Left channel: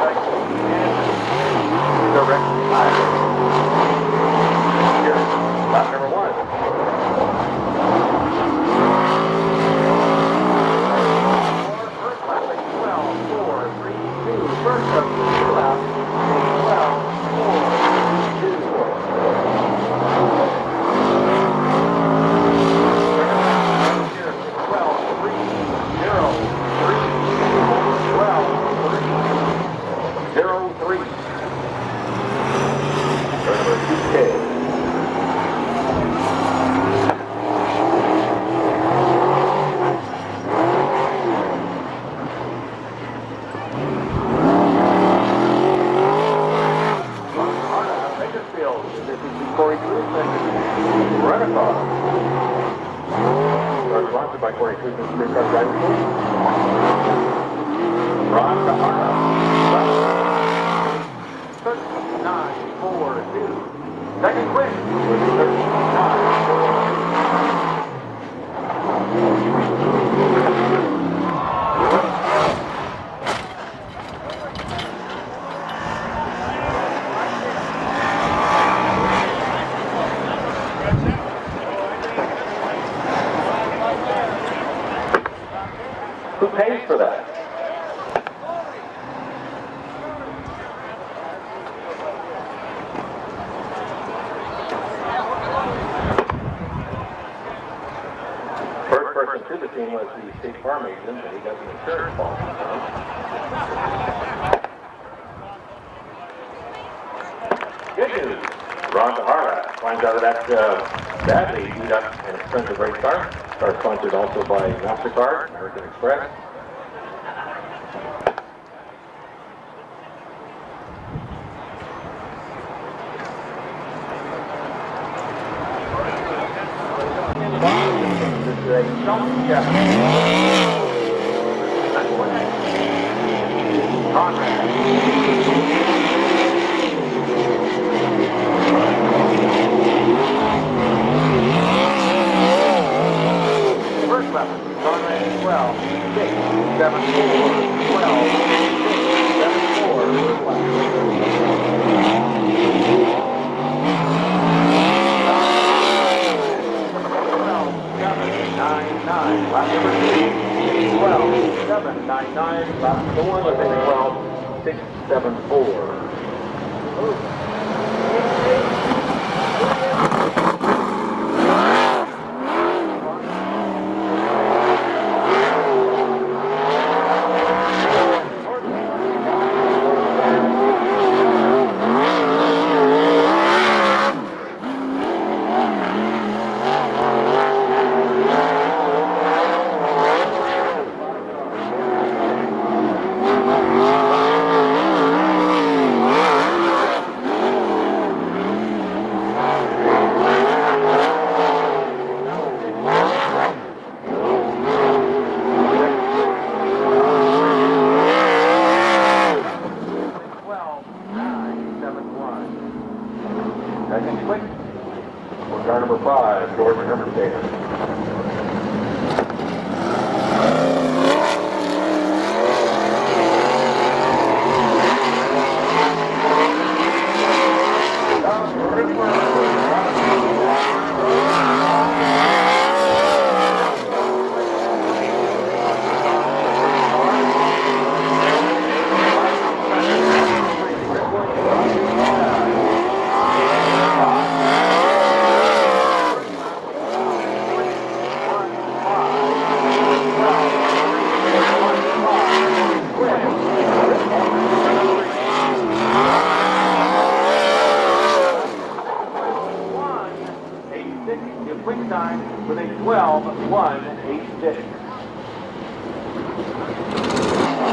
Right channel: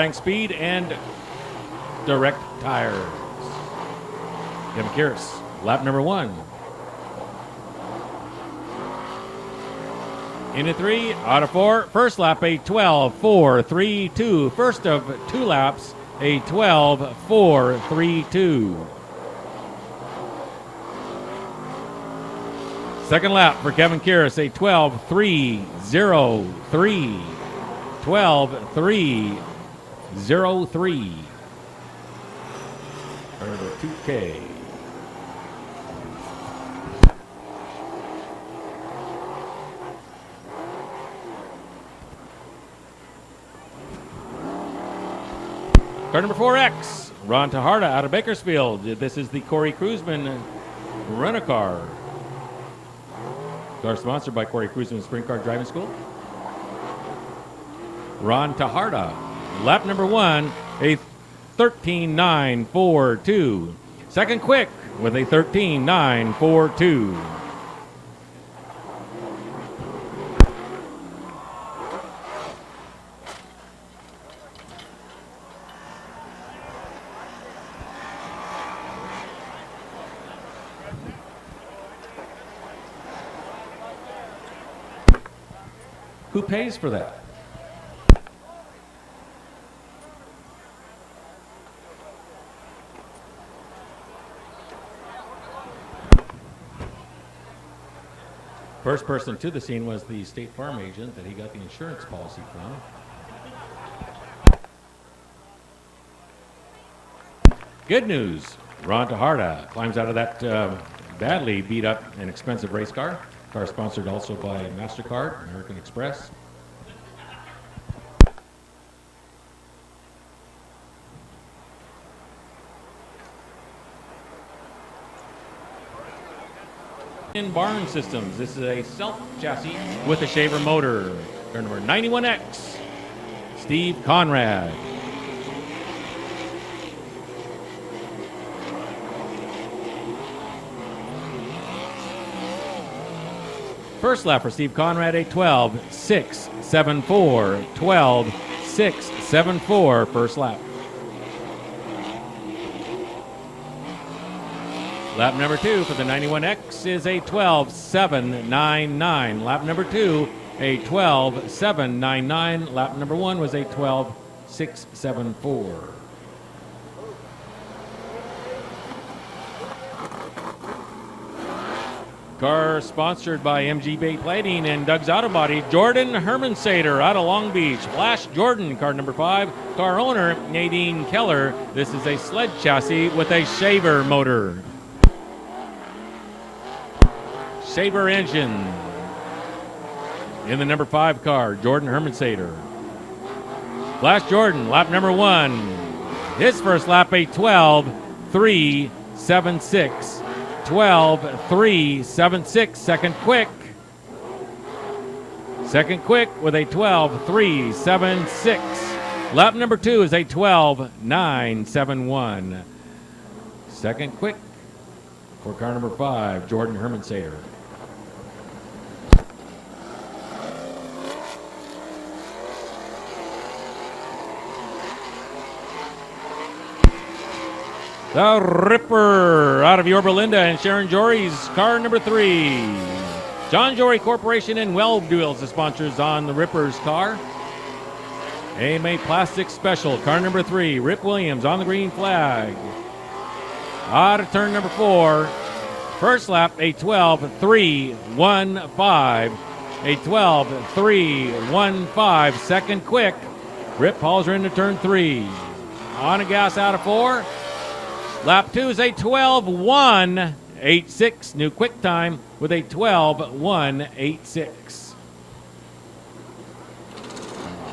bank speed and direct tire. Here's lap number 1. Into 3, out of 4. First lap, a 12.4.32. First of 2 laps, a 12.4.32. Second lap for Kevin Kieris, a 12.3.03. 12.3.03. Ron Taharda out of Bakersfield. This is the Corey Cruzman rental car. Car sponsored by Corey Cruzman Streetcar High School. Ron Taharda. Lap number 1, a 13.942. Second quick with a 13.942. Who pays for that? First person to the scene was the State Farm agent and he got the insurance policy. Good news. Ron Taharda climbs out of that badly beat up and expensive race car. Car sponsored also by MasterCard, American Express. In Walking Systems, this is a self-chassis with a Shaver motor. 91X, Steve Conrad. First lap for Steve Conrad, a 12.674. 12.674 first lap. Lap number 2 for the 91X is a 12.799. Lap number 2, a 12.799. Lap number 1 was a 12.674. Car sponsored by MG Bay Planing and Doug's Auto Body. Jordan Hermansader out of Long Beach. Flash Jordan, car number 5. Car owner Nadine Keller. This is a sled chassis with a Shaver motor. Shaver engine. In the number 5 car, Jordan Hermansader. Flash Jordan, lap number 1. His first lap, a 12.376. 12.376. Second quick. Second quick with a 12.376. Lap number 2 is a 12.971. Second quick. Car number 5, Jordan Hermansader. The Ripper out of Yorba Linda and Sharon Jory's car number 3. John Jory Corporation and Weld Wheels is sponsors on the Ripper's car. AMA Classic Special, car number 3. Rick Williams on the green flag. Out of turn number 4. First lap, a 12.315. A 12.315. Second quick. Rick calls her into turn 3. On gas out of 4. Lap 2 is a 12.186. New quick time with a 12.186.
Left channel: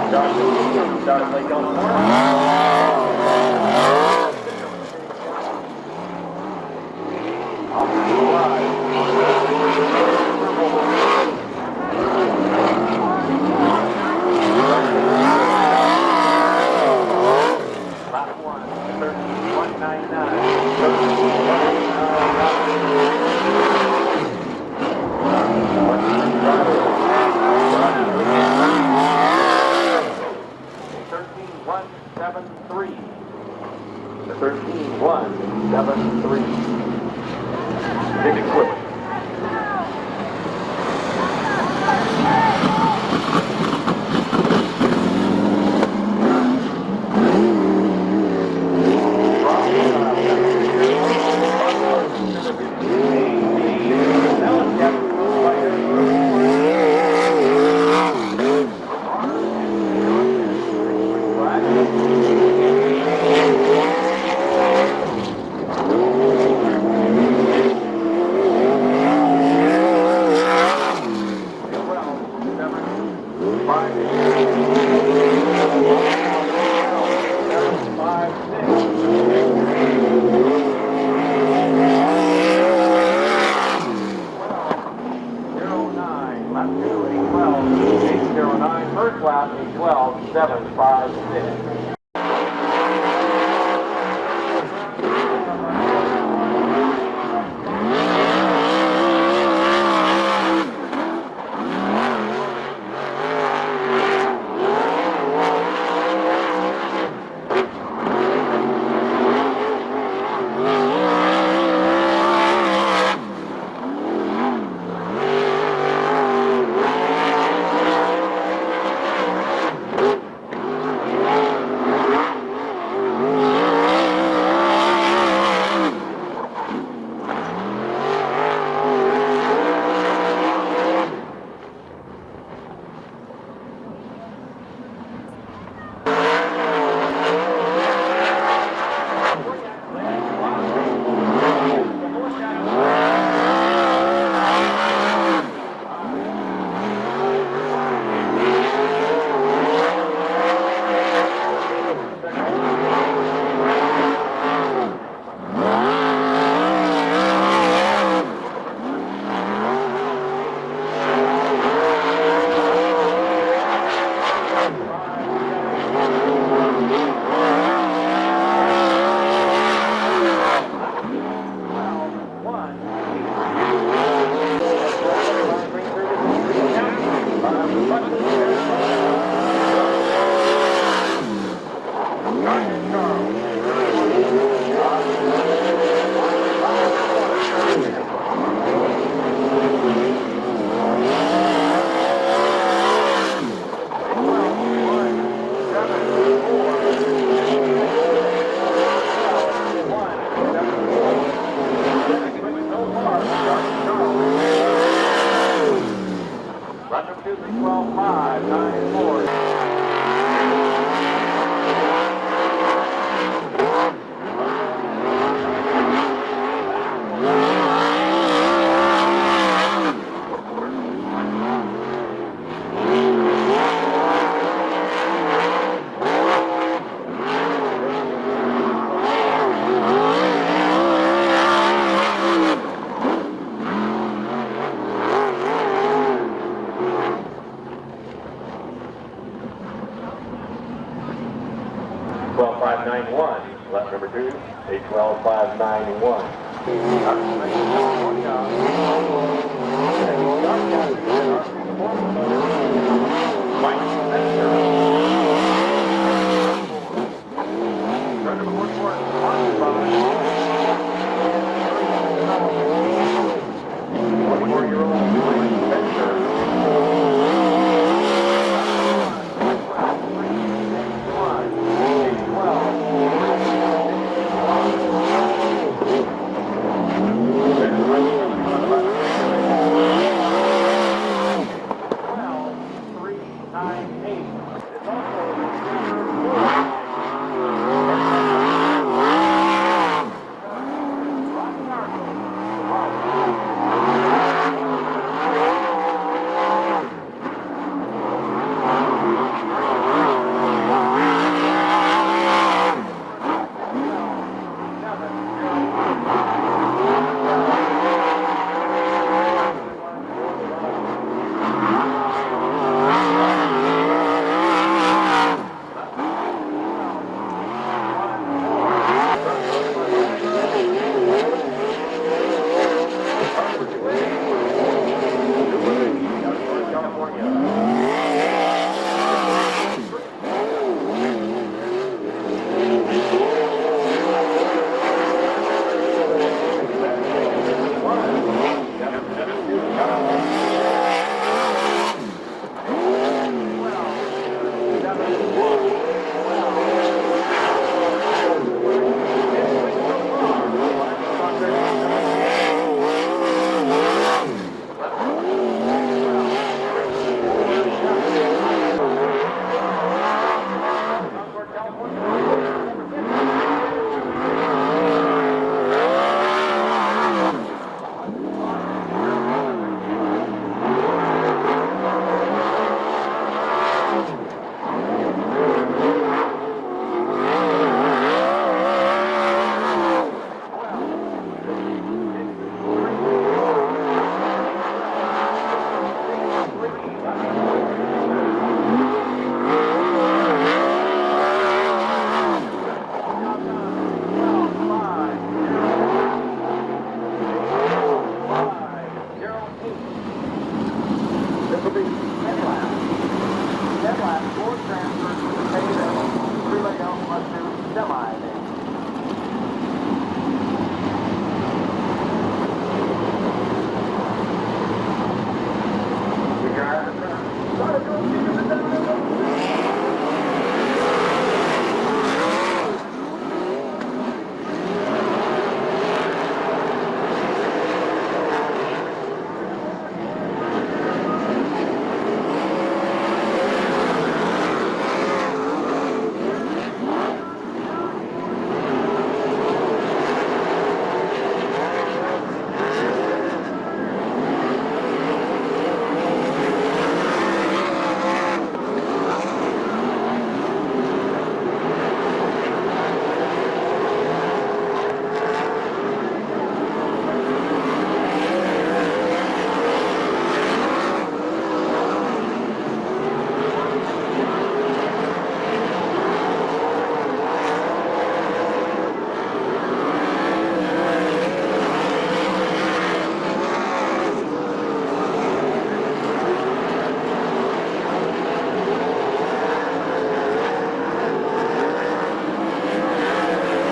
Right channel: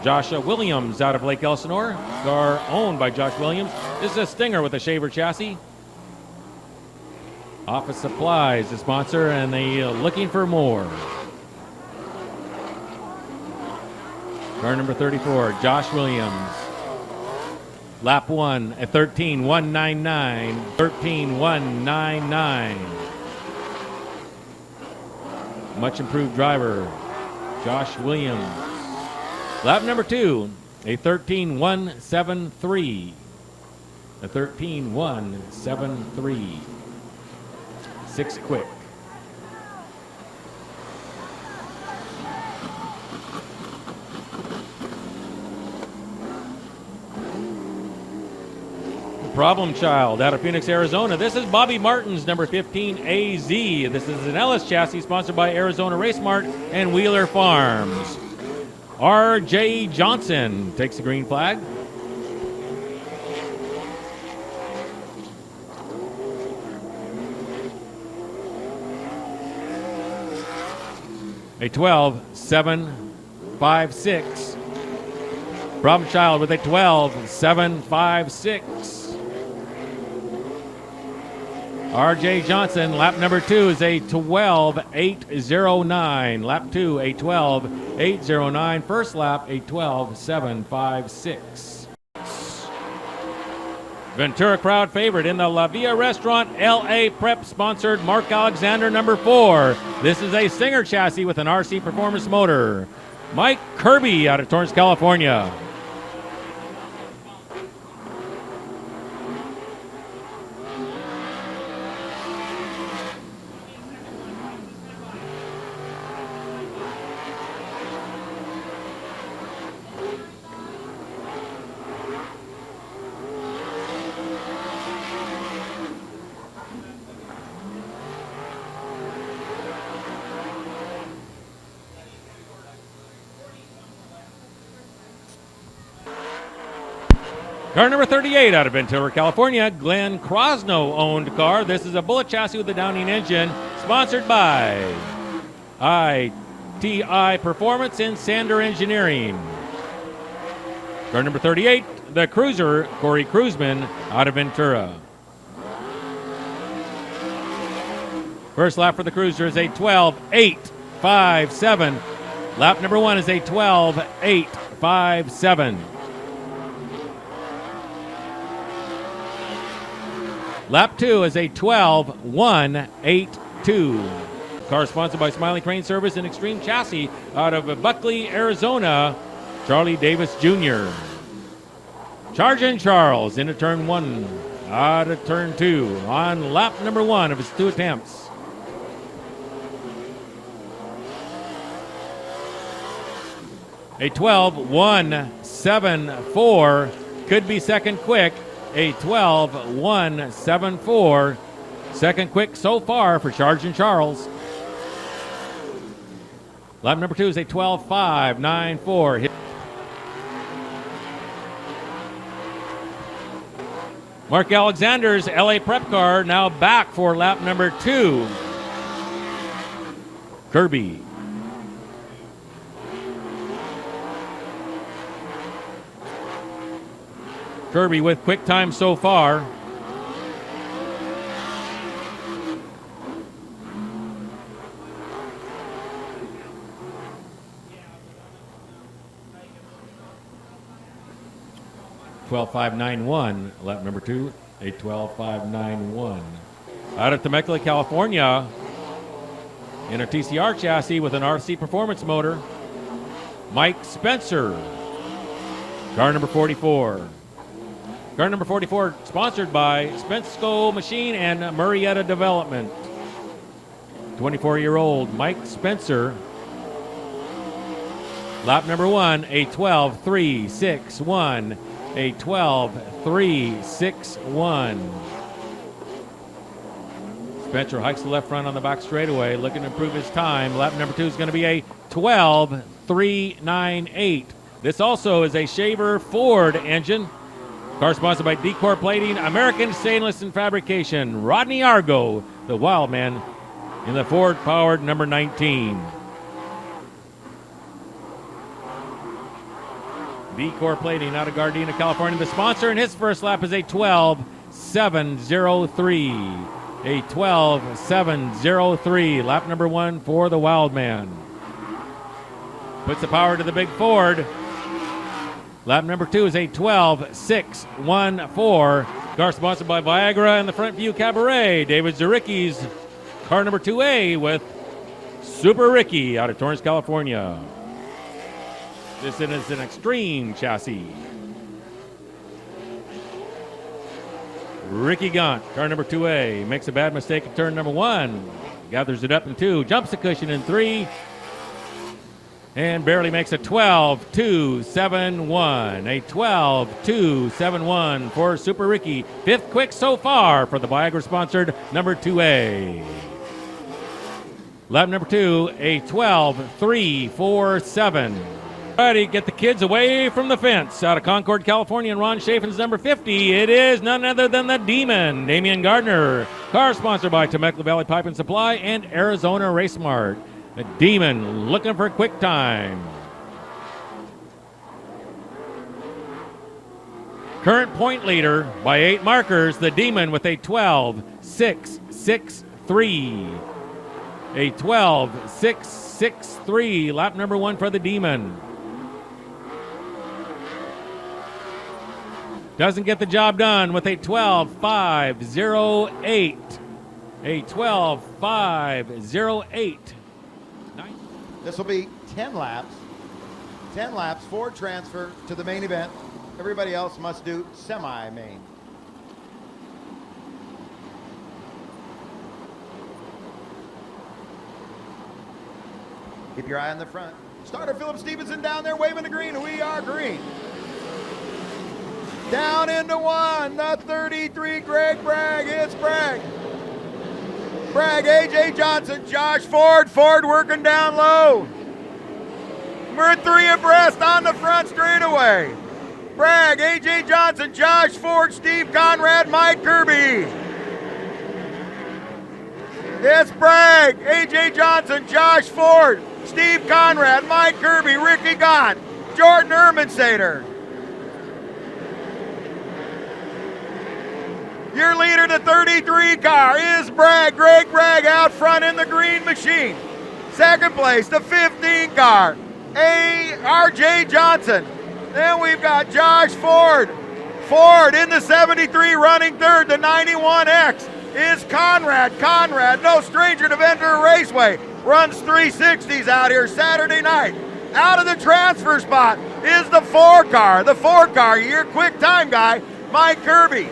Joshua Williams out of Lake Elsinore. Owned by Josh Williams. This is a Stinger with a Shaver chassis. Office Supplies, the sponsor, and they looking for more. Number 34, Josh Williams. Lap 1 at 13.199. 13.199. Much improved driver, Josh Williams. Lap number 2 a 13-173. A 13-173. 6 equipped. Problem Child out of Phoenix, Arizona. This is Bobby Martin's number 15 AZ. This is an Ellis chassis sponsored by Arizona Race Mart and Wheeler Farms. R.J. Johnson takes the green flag. A 12-7-5-6. Problem Child with a 12-7-5-6. R.J. Johnson, lap number 2 is a 12-8-0-9. Lap 2, a 12-8-0-9. First lap, a 12-7-5-6. Ventura crowd favorite in the La Villa Restaurant LA Prep sponsored Mark Alexander number 4. This is a Singer chassis with an RC Performance motor. Mike Kirby out of Torrance, California. Car number 38 out of Ventura, California, Glenn Crosno-owned car. This is a Bullet chassis with a Downing engine, sponsored by ITI Performance and Sander Engineering. Car number 38, the Cruiser, Corey Cruzman out of Ventura. First lap for the Cruiser is a 12-8-5-7. Lap number 1 is a 12-8-5-7. Lap 2 is a 12-1-8-2. Car sponsored by Smiley Crane Service and Extreme Chassis out of Buckley, Arizona, Charlie Davis Jr. Charging Charles into turn 1, out of turn 2, on lap number 1 of his 2 attempts. A 12-1-7-4, could be second quick. A 12-1-7-4. Second quick so far for Charging Charles. Lap number 2 is a 12-5-9-4. Mark Alexander's LA Prep car now back for lap number 2. Kirby. Kirby with quick time so far. Lap number 2, a 12-5-9-1. Out of Temecula, California, in a TCR chassis with an RC Performance motor, Mike Spencer. Car number 44. Car number 44 sponsored by Spensko Machine and Murrieta Development. 24-year-old Mike Spencer. Lap number 1, a 12-3-6-1. A 12-3-6-1. Spencer hikes the left front on the back straightaway, looking to improve his time. Lap number 2 is going to be a 12-3-9-8. This also is a Shaver Ford engine. Car sponsored by Decor Plating, American Stainless and Fabrication, Rodney Argo, the Wild Man, and the Ford-powered number 19. Decor Plating out of Gardena, California. The sponsor in his first lap is a 12-7-0-3. A 12-7-0-3. Lap number 1 for the Wild Man. Puts the power to the big Ford. Lap number 2 is a 12-6-1-4. Car sponsored by Viagra and the Front View Cabaret. David Zaricki's car number 2A with Super Ricky out of Torrance, California. This is an extreme cream chassis. Ricky Gaunt, car number 2A, makes a bad mistake at turn number 1. Gathers it up to 2, jumps the cushion in 3, and barely makes a 12-2-7-1. A 12-2-7-1 for Super Ricky. 5th quick so far for the Viagra-sponsored number 2A. Lap number 2, a 12-3-4-7. Ready, get the kids away from the fence. Out of Concord, California, and Ron Chafin's number 50. It is none other than the Demon, Damian Gardner. Car sponsored by Temecula Valley Pipe and Supply and Arizona Race Mart. The Demon looking for a quick time. Current point leader by 8 markers, the Demon with a 12-6-6-3. A 12-6-6-3, lap number 1 for the Demon. Doesn't get the job done with a 12-5-0-8. A 12-5-0-8. This will be 10 laps. 10 laps, 4 transfers to the main event. Everybody else must do semi. We're at the front. Starter Philip Stevenson down there waving the green. We are green. Down into 1. The 33, Greg Bragg. It's Bragg. Bragg, A.J. Johnson, Josh Ford. Ford working down low. We're 3 abreast on the front straightaway. Bragg, A.J. Johnson, Josh Ford, Steve Conrad, Mike Kirby. It's Bragg, A.J. Johnson, Josh Ford, Steve Conrad, Mike Kirby, Ricky Gaunt, Jordan Ermensader. Your leader, the 33 car, is Bragg, Greg Bragg out front in the green machine. Second place, the 15 car, R.J. Johnson. Then we've got Josh Ford. Ford in the 73 running third. The 91X is Conrad. Conrad, no stranger to Ventura Raceway. Runs 360s out here Saturday night. Out of the transfer spot is the 4 car. The 4 car, your quick time guy, Mike Kirby.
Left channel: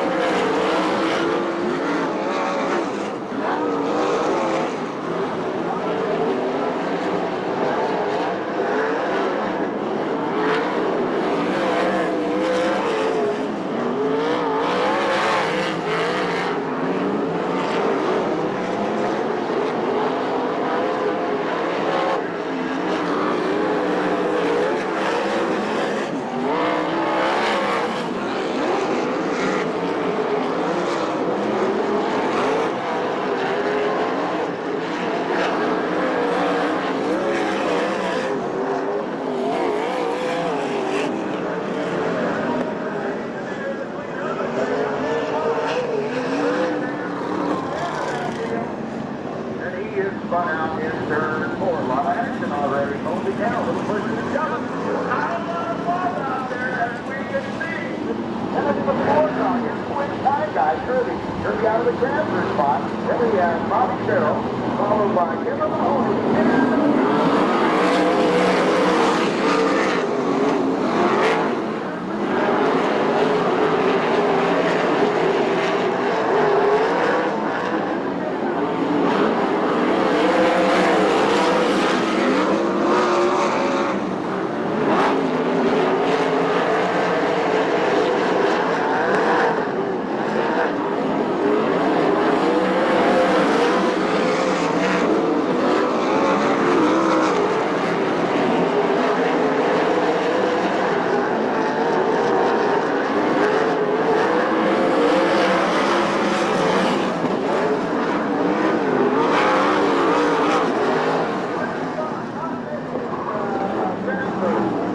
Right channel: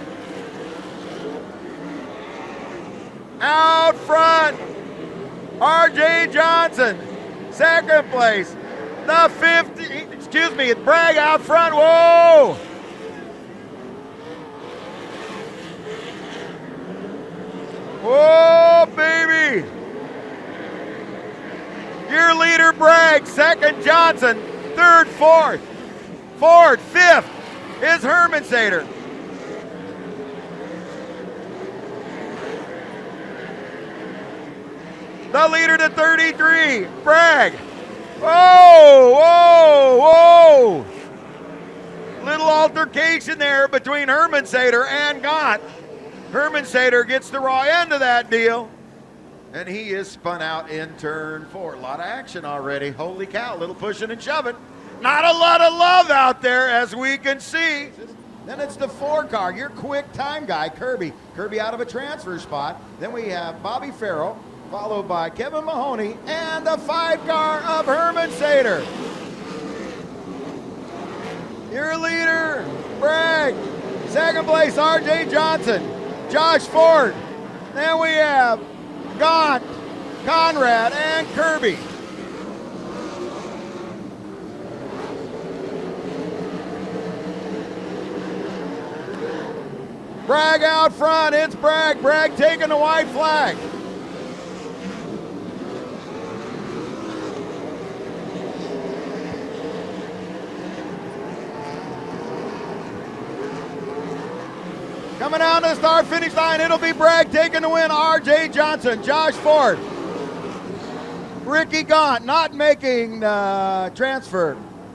Out front, R.J. Johnson. Second place, the 50, it's Bragg out front, whoa! Whoa, baby! Your leader, Bragg, second, Johnson, third, fourth. Fourth, fifth is Hermansader. The leader to 33, Bragg. Whoa, whoa, whoa. Little altercation there between Hermansader and Gaunt. Hermansader gets the raw end of that deal. And he is spun out in turn 4. A lot of action already. Holy cow, pushing and shoving. Not a lot of love out there as we can see. And it's the 4 car, your quick time guy, Kirby. Kirby out of a transfer spot. Then we have Bobby Farrell, followed by Kevin Mahoney, and the 5 car of Hermansader. Your leader, Bragg. Second place, R.J. Johnson, Josh Ford. Then we have Gaunt, Conrad, and Kirby. Bragg out front, it's Bragg. Bragg taking the white flag. Finish line, it'll be Bragg taking the win. R.J. Johnson, Josh Ford, Ricky Gaunt not making the transfer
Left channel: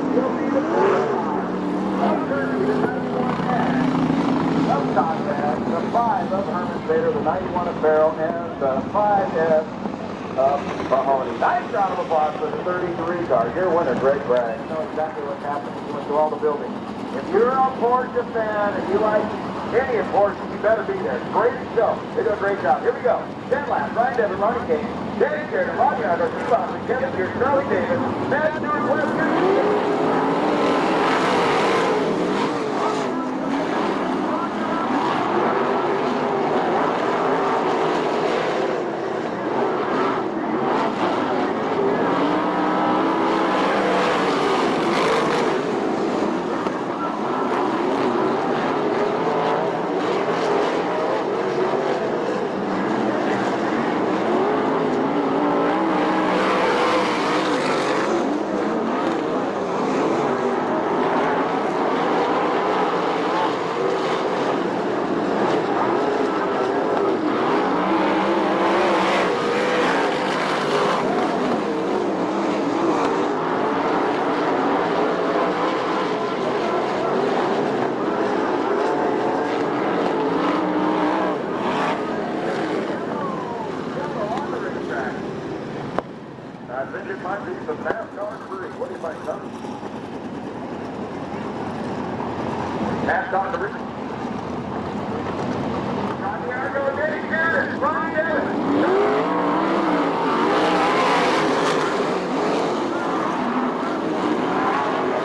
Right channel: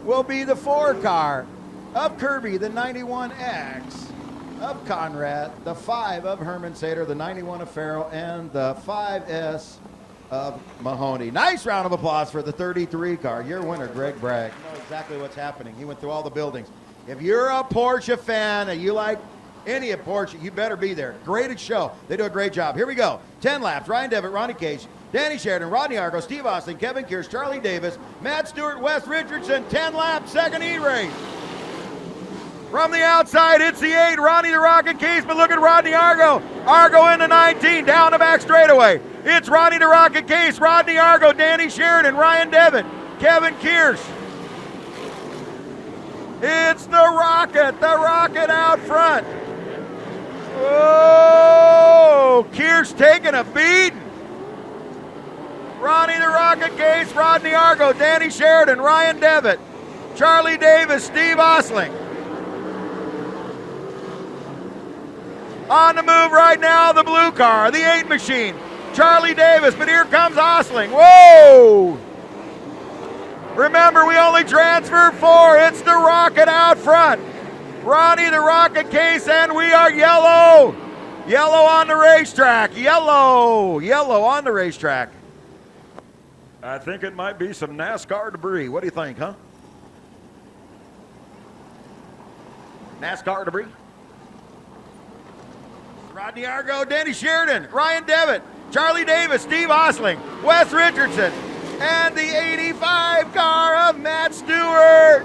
will be the 4 car of Kirby, the 91X of Conrad, the 5 of Hermansader, the 91 of Farrell, and the 5S of Mahoney. Nice round of applause for the 33 car. You're the winner, Greg Bragg. You know exactly what's happening. You went to all the buildings. If you're a Porsche fan and you like Idiot Fortune, you better be there. Graded show. They do a great job. Here we go. 10 laps. Ryan Devitt, Ronnie Cage, Danny Sheridan, Rodney Argo, Steve Austin, Kevin Gears, Charlie Davis, Matt Stewart, Wes Richardson. 10 laps, second heat race. From the outside, it's the 8, Ronnie the Rocket Case, but look at Rodney Argo. Argo into 19, down the back straightaway. It's Ronnie the Rocket Case, Rodney Argo, Danny Sheridan, Ryan Devitt, Kevin Kears. It's the Rocket out front. Whoa, Kears taking a beat. Ronnie the Rocket Case, Rodney Argo, Danny Sheridan, Ryan Devitt, Charlie Davis, Steve Osling. On the move right now, the blue car, the 8 machine, Charlie Davis, but here comes Osling. Whoa! Remember, we only transferred 4. It's the Rocket out front. Ronnie the Rocket Case, and we are yellow. Yellow on the racetrack. Yellow on the racetrack. I think it might be some NASCAR debris. What do you think, huh? NASCAR debris. Rodney Argo, Danny Sheridan, Ryan Devitt, Charlie Davis, Steve Osling, Wes Richardson, and the 85 car of Matt Stewart.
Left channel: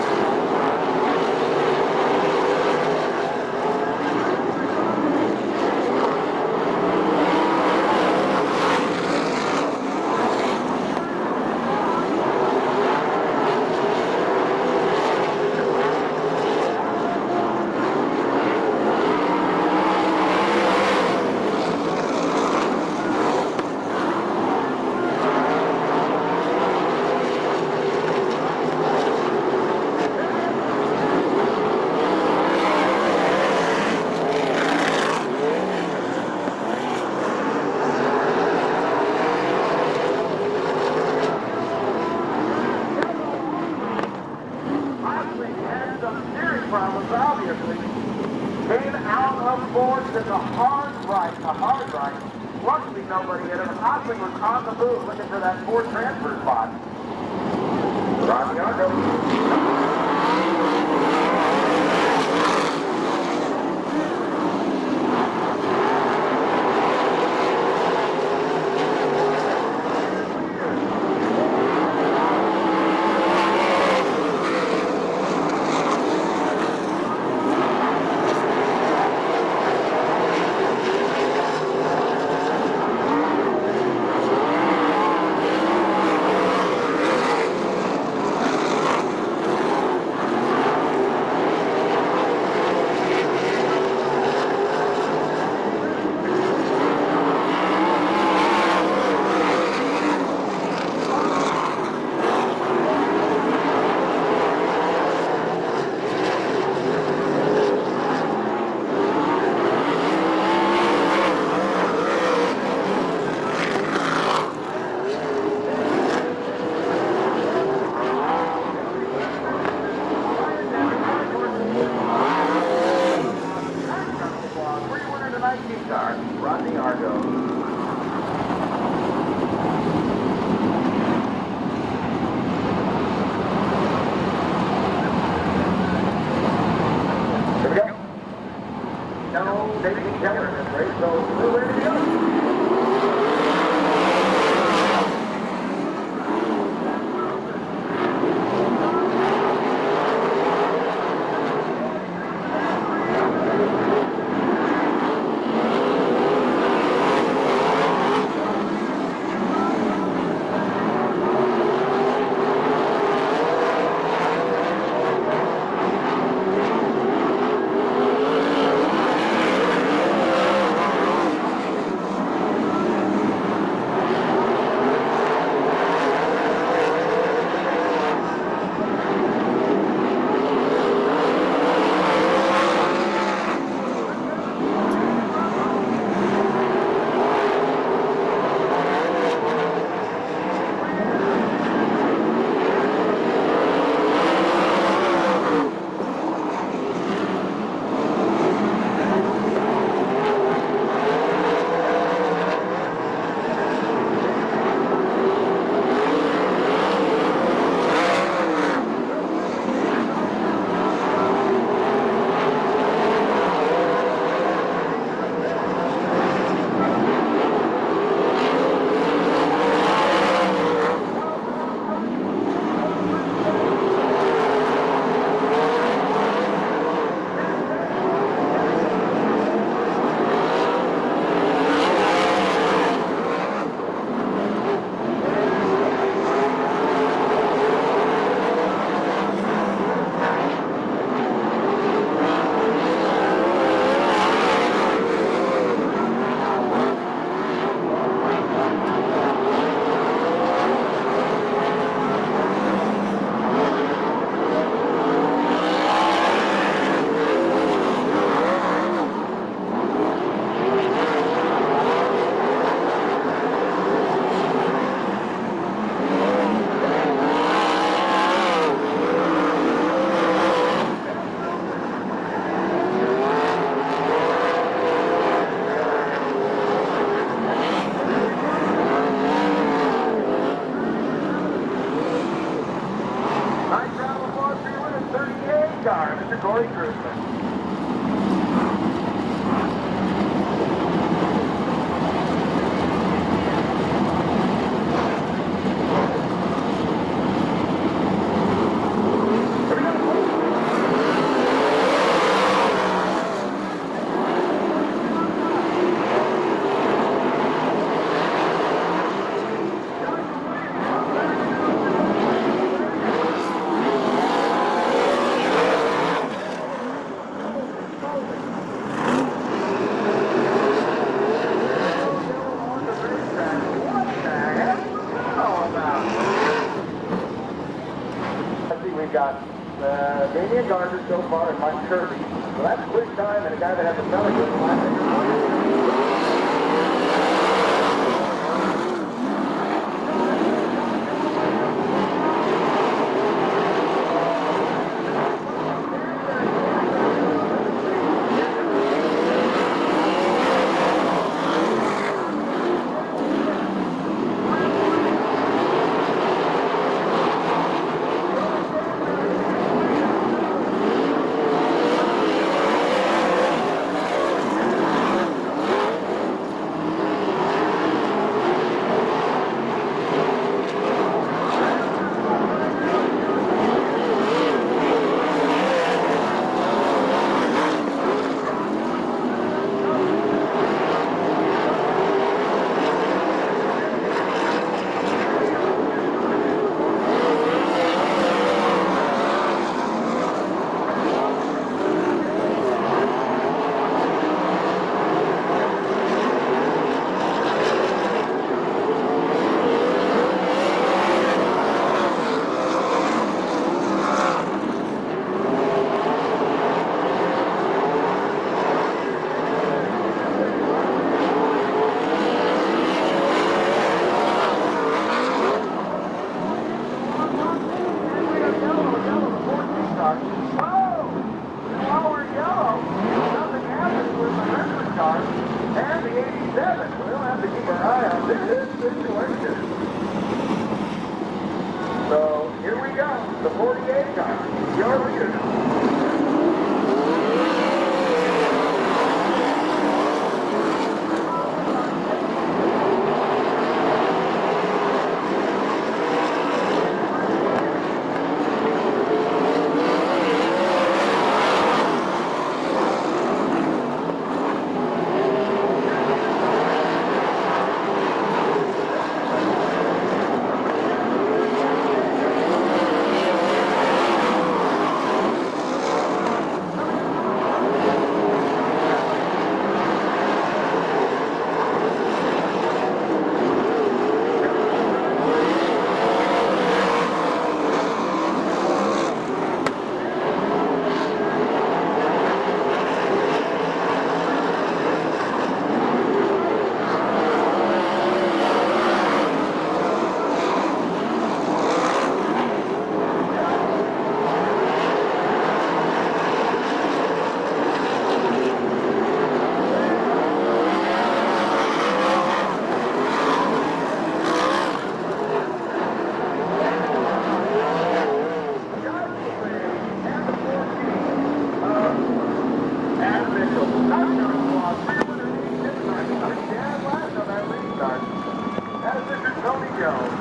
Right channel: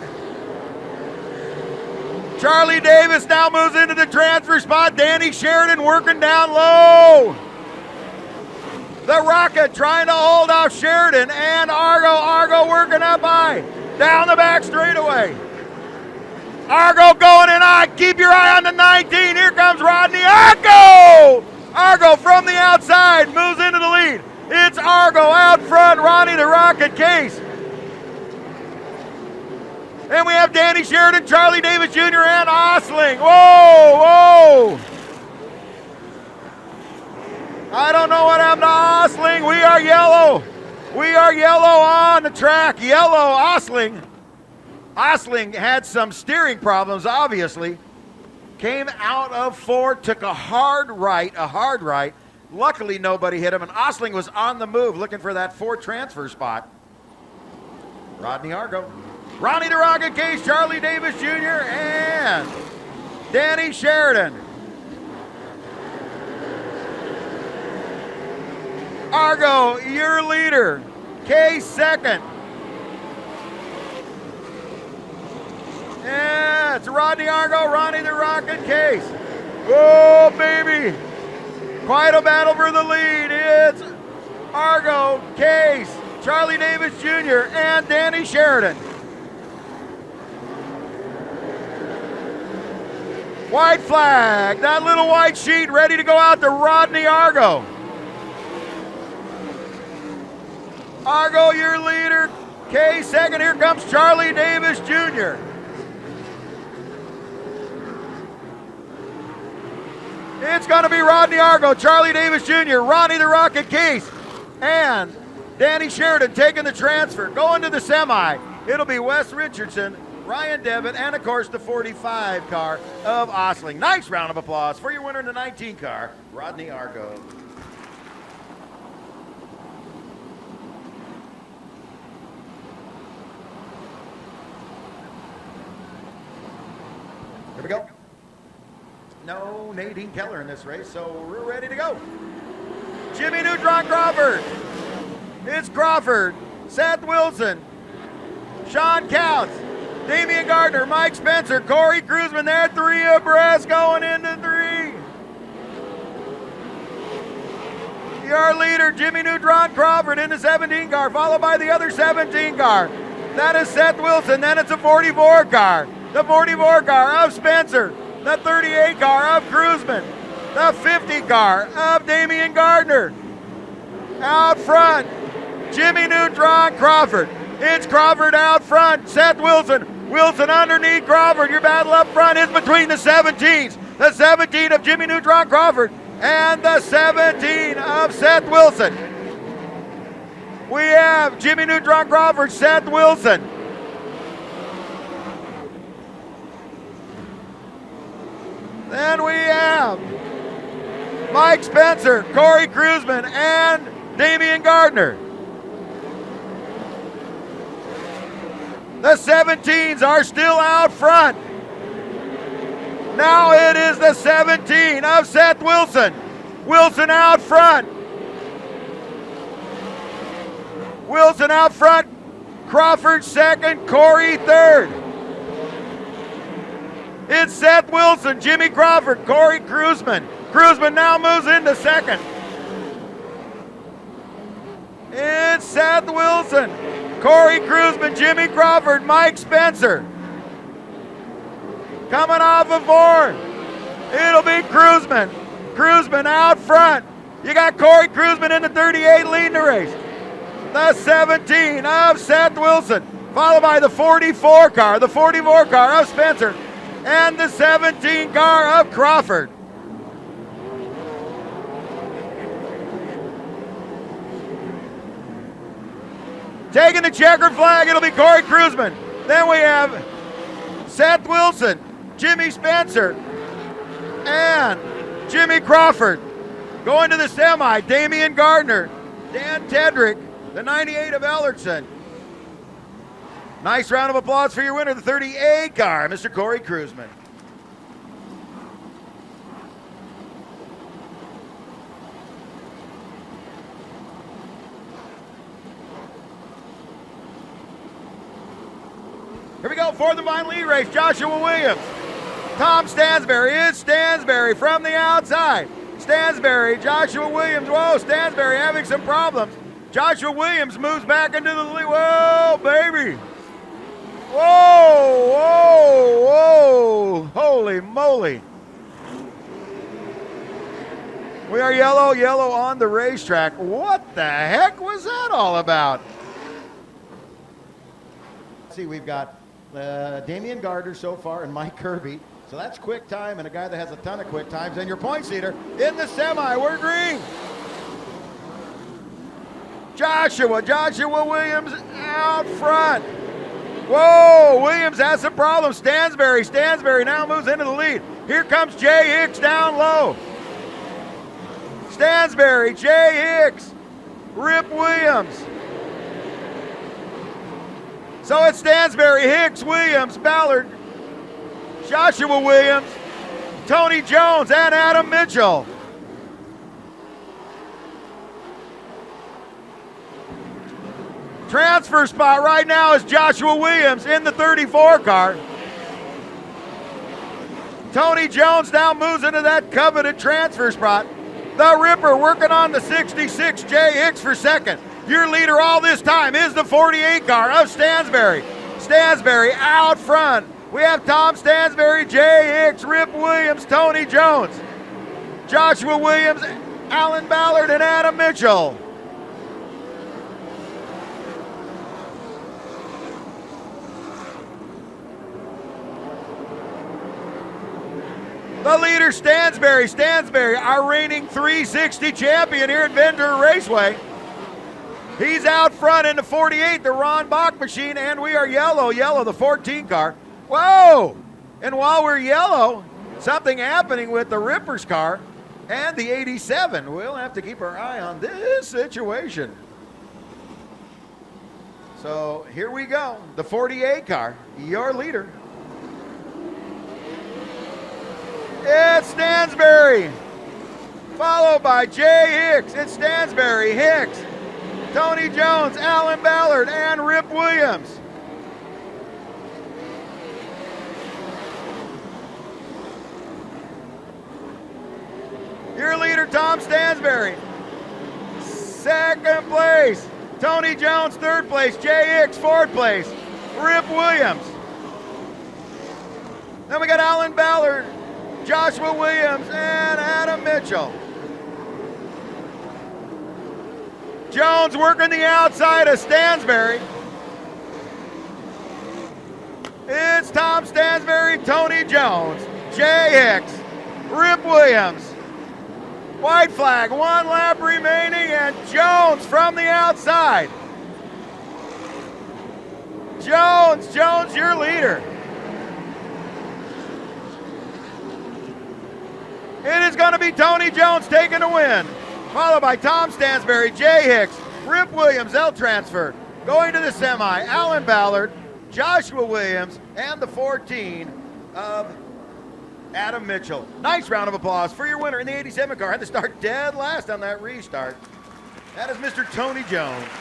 Charlie Davis now moves into the transfer spot. Danny Sheridan working down low. The Rocket trying to hold off Sheridan, and Argo working up high. Down the back straightaway. Argo going in high. Keep your eye on the 19. Here comes Rodney Argo. Argo from the outside moves into the lead. It's Argo out front, Ronnie the Rocket Case. And we have Danny Sheridan, Charlie Davis Jr., and Osling. Whoa! I don't know what happened to Osling. We are yellow. We are yellow on the track. Yellow, Osling. Osling had some steering problems, obviously. Came out of 4, took a hard right. Luckily, nobody hit him, and Osling was on the move looking for that 4 transfer spot. Ronnie the Rocket Case, Charlie Davis Jr., and Danny Sheridan. Argo, your leader. Case second. And it's Rodney Argo, Ronnie the Rocket Case. Whoa, baby. Quite a battle for the lead. It's Argo, Case, Charlie Davis Jr., and Danny Sheridan. White flag, that little white sheet ready to go out to Rodney Argo. Argo, your leader. Case second, here comes Charlie Davis Jr. It's gonna be Rodney Argo, Charlie Davis Jr., Ronnie the Rocket Case, and Danny Sheridan taking the transfer. Going to the semi, it'll be Wes Richardson, Ryan Devitt, and of course the 45 car of Osling. Nice round of applause for your winner in the 19 car, Rodney Argo. Jimmy Neutron Crawford. It's Crawford, Seth Wilson, Sean Couch, Damian Gardner, Mike Spencer, Corey Cruzman. They're 3 abreast going into 3. Your leader, Jimmy Neutron Crawford in the 17 car, followed by the other 17 car. That is Seth Wilson. Then it's a 44 car. The 44 car of Spencer. The 38 car of Cruzman. The 50 car of Damian Gardner. Out front, Jimmy Neutron Crawford. It's Crawford out front, Seth Wilson. Wilson underneath Crawford. Your battle up front in between the 17s. The 17 of Jimmy Neutron Crawford and the 17 of Seth Wilson. We have Jimmy Neutron Crawford, Seth Wilson. And we have Mike Spencer, Corey Cruzman, and Damian Gardner. The 17s are still out front. Now it is the 17 of Seth Wilson. Wilson out front. Wilson out front. Crawford second, Corey third. It's Seth Wilson, Jimmy Crawford, Corey Kruzman. Kruzman now moves into second. It's Seth Wilson, Corey Kruzman, Jimmy Crawford, Mike Spencer. Coming off of Moore. It'll be Kruzman. Kruzman out front. You got Corey Kruzman in the 38 leading the race. The 17 of Seth Wilson, followed by the 44 car, the 44 car of Spencer, and the 17 car of Crawford. Taking the checkered flag, it'll be Corey Kruzman. Then we have Seth Wilson, Jimmy Spencer, and Jimmy Crawford. Going to the semi, Damian Gardner and Tedrick, the 98 of Ellertson. Nice round of applause for your winner, the 38 car, Mr. Corey Kruzman. Here we go for the final lead race, Joshua Williams. Tom Stansberry is Stansberry from the outside. Stansberry, Joshua Williams, whoa, Stansberry having some problems. Joshua Williams moves back into the lead, whoa, baby. Whoa, whoa, whoa, holy moly. We are yellow, yellow on the racetrack. What the heck was that all about? See, we've got Damian Gardner so far and Mike Kirby. So that's quick time, and a guy that has a ton of quick time. And your points leader in the semi, we're green. Joshua Williams out front. Whoa, Williams has some problems. Stansberry now moves into the lead. Here comes Jay Hicks down low. Stansberry, Jay Hicks, Rip Williams. So it's Stansberry, Hicks, Williams, Ballard, Joshua Williams, Tony Jones, and Adam Mitchell. Transfer spot right now is Joshua Williams in the 34 car. Tony Jones now moves into that coveted transfer spot. The Ripper working on the 66, Jay Hicks for second. Your leader all this time is the 48 car of Stansberry. Stansberry out front. We have Tom Stansberry, Jay Hicks, Rip Williams, Tony Jones, Joshua Williams, Alan Ballard, and Adam Mitchell. The leader, Stansberry, our reigning 360 champion here at Ventura Raceway. He's out front in the 48, the Ron Bach machine, and we are yellow, the 14 car. Whoa! And while we're yellow, something happening with the Ripper's car and the 87. We'll have to keep our eye on this situation. So here we go, the 48 car, your leader. It's Stansberry, followed by Jay Hicks. It's Stansberry, Hicks, Tony Jones, Alan Ballard, and Rip Williams. Your leader, Tom Stansberry. Second place, Tony Jones, third place, Jay Hicks, fourth place, Rip Williams. Then we got Alan Ballard, Joshua Williams, and Adam Mitchell. Jones working the outside of Stansberry. It's Tom Stansberry, Tony Jones, Jay Hicks, Rip Williams. White flag, 1 lap remaining, and Jones from the outside. Jones, your leader. It is going to be Tony Jones taking the win, followed by Tom Stansberry, Jay Hicks, Rip Williams, L transfer. Going to the semi, Alan Ballard, Joshua Williams, and the 14 of Adam Mitchell. Mitchell. Nice round of applause for your winner in the 87 car. Had to start dead last on that restart. That is Mr. Tony Jones.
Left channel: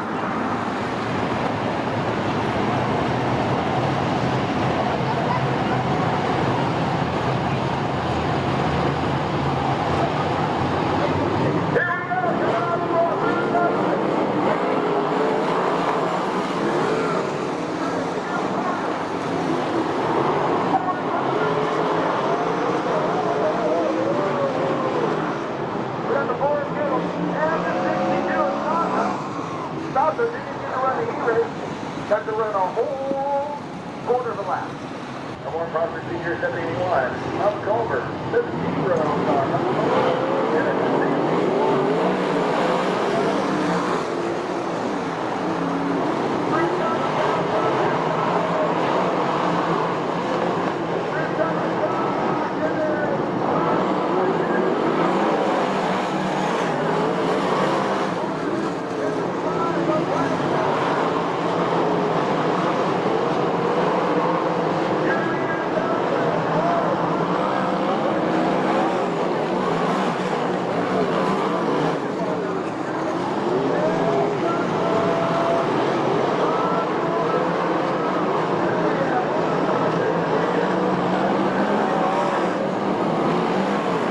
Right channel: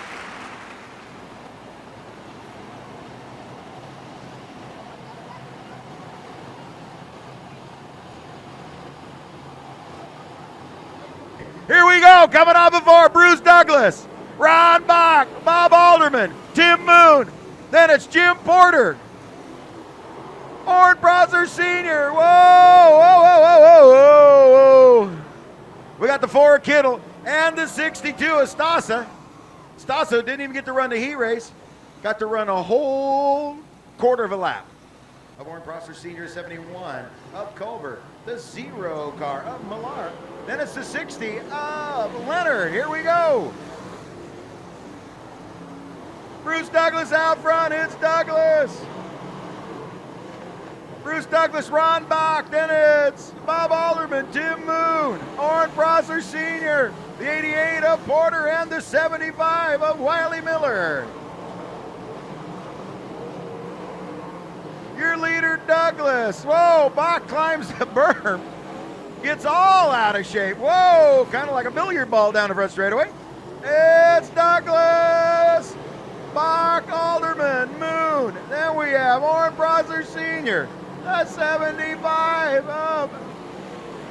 Here we go, coming off before Bruce Douglas, Ron Bach, Bob Alderman, Tim Moon, then it's Jim Porter, Orin Prosser Sr., whoa, whoa, whoa, whoa, whoa, whoa. We got the Ford Kittle and the 62 of Stasa. Stasa didn't even get to run the heat race, got to run a whole quarter of a lap. Orin Prosser Sr. 78 flag, up over the zero car. Then it's the 60. Leonard, here we go. Bruce Douglas out front, it's Douglas. Bruce Douglas, Ron Bach, then it's Bob Alderman, Tim Moon, Orin Prosser Sr., the 88 of Porter, and the 75 of Wiley Miller. Your leader, Douglas. Whoa, Bach climbs the berm. Gets all out of shape. Whoa, kind of like a billiard ball down the front straightaway. It's Douglas. Mark Alderman, Moon. Then we have Orin Prosser Sr. That's 75 of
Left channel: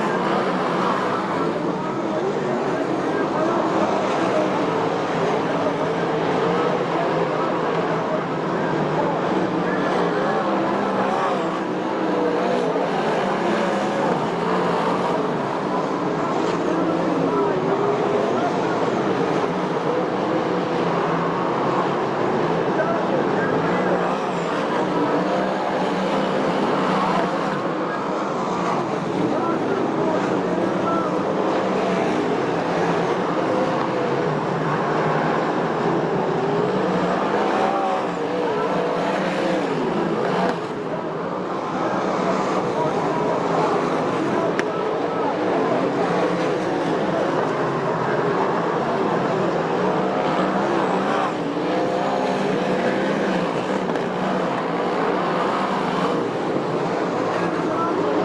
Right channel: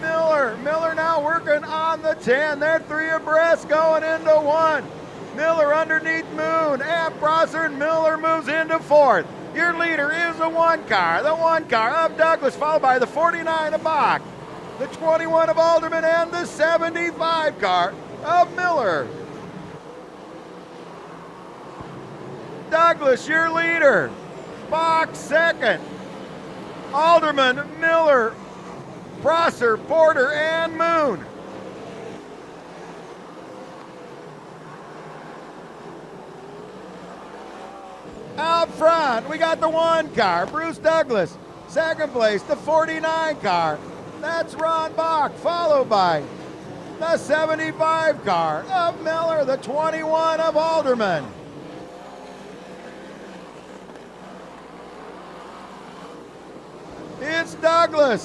Miller. Miller now working on the 10. They're three abreast going into one. Miller underneath Moon. And Prosser and Miller moves into fourth. Your leader is the one car of Douglas, followed by the 49 of Bach. 21 of Alderman and the 75 car of Miller. Douglas, your leader. Bach second. Alderman, Miller, Prosser, Porter, and Moon. Out front, we got the one car, Bruce Douglas. Second place, the 49 car. That's Ron Bach, followed by the 75 car of Miller, the 21 of Alderman. It's Douglas,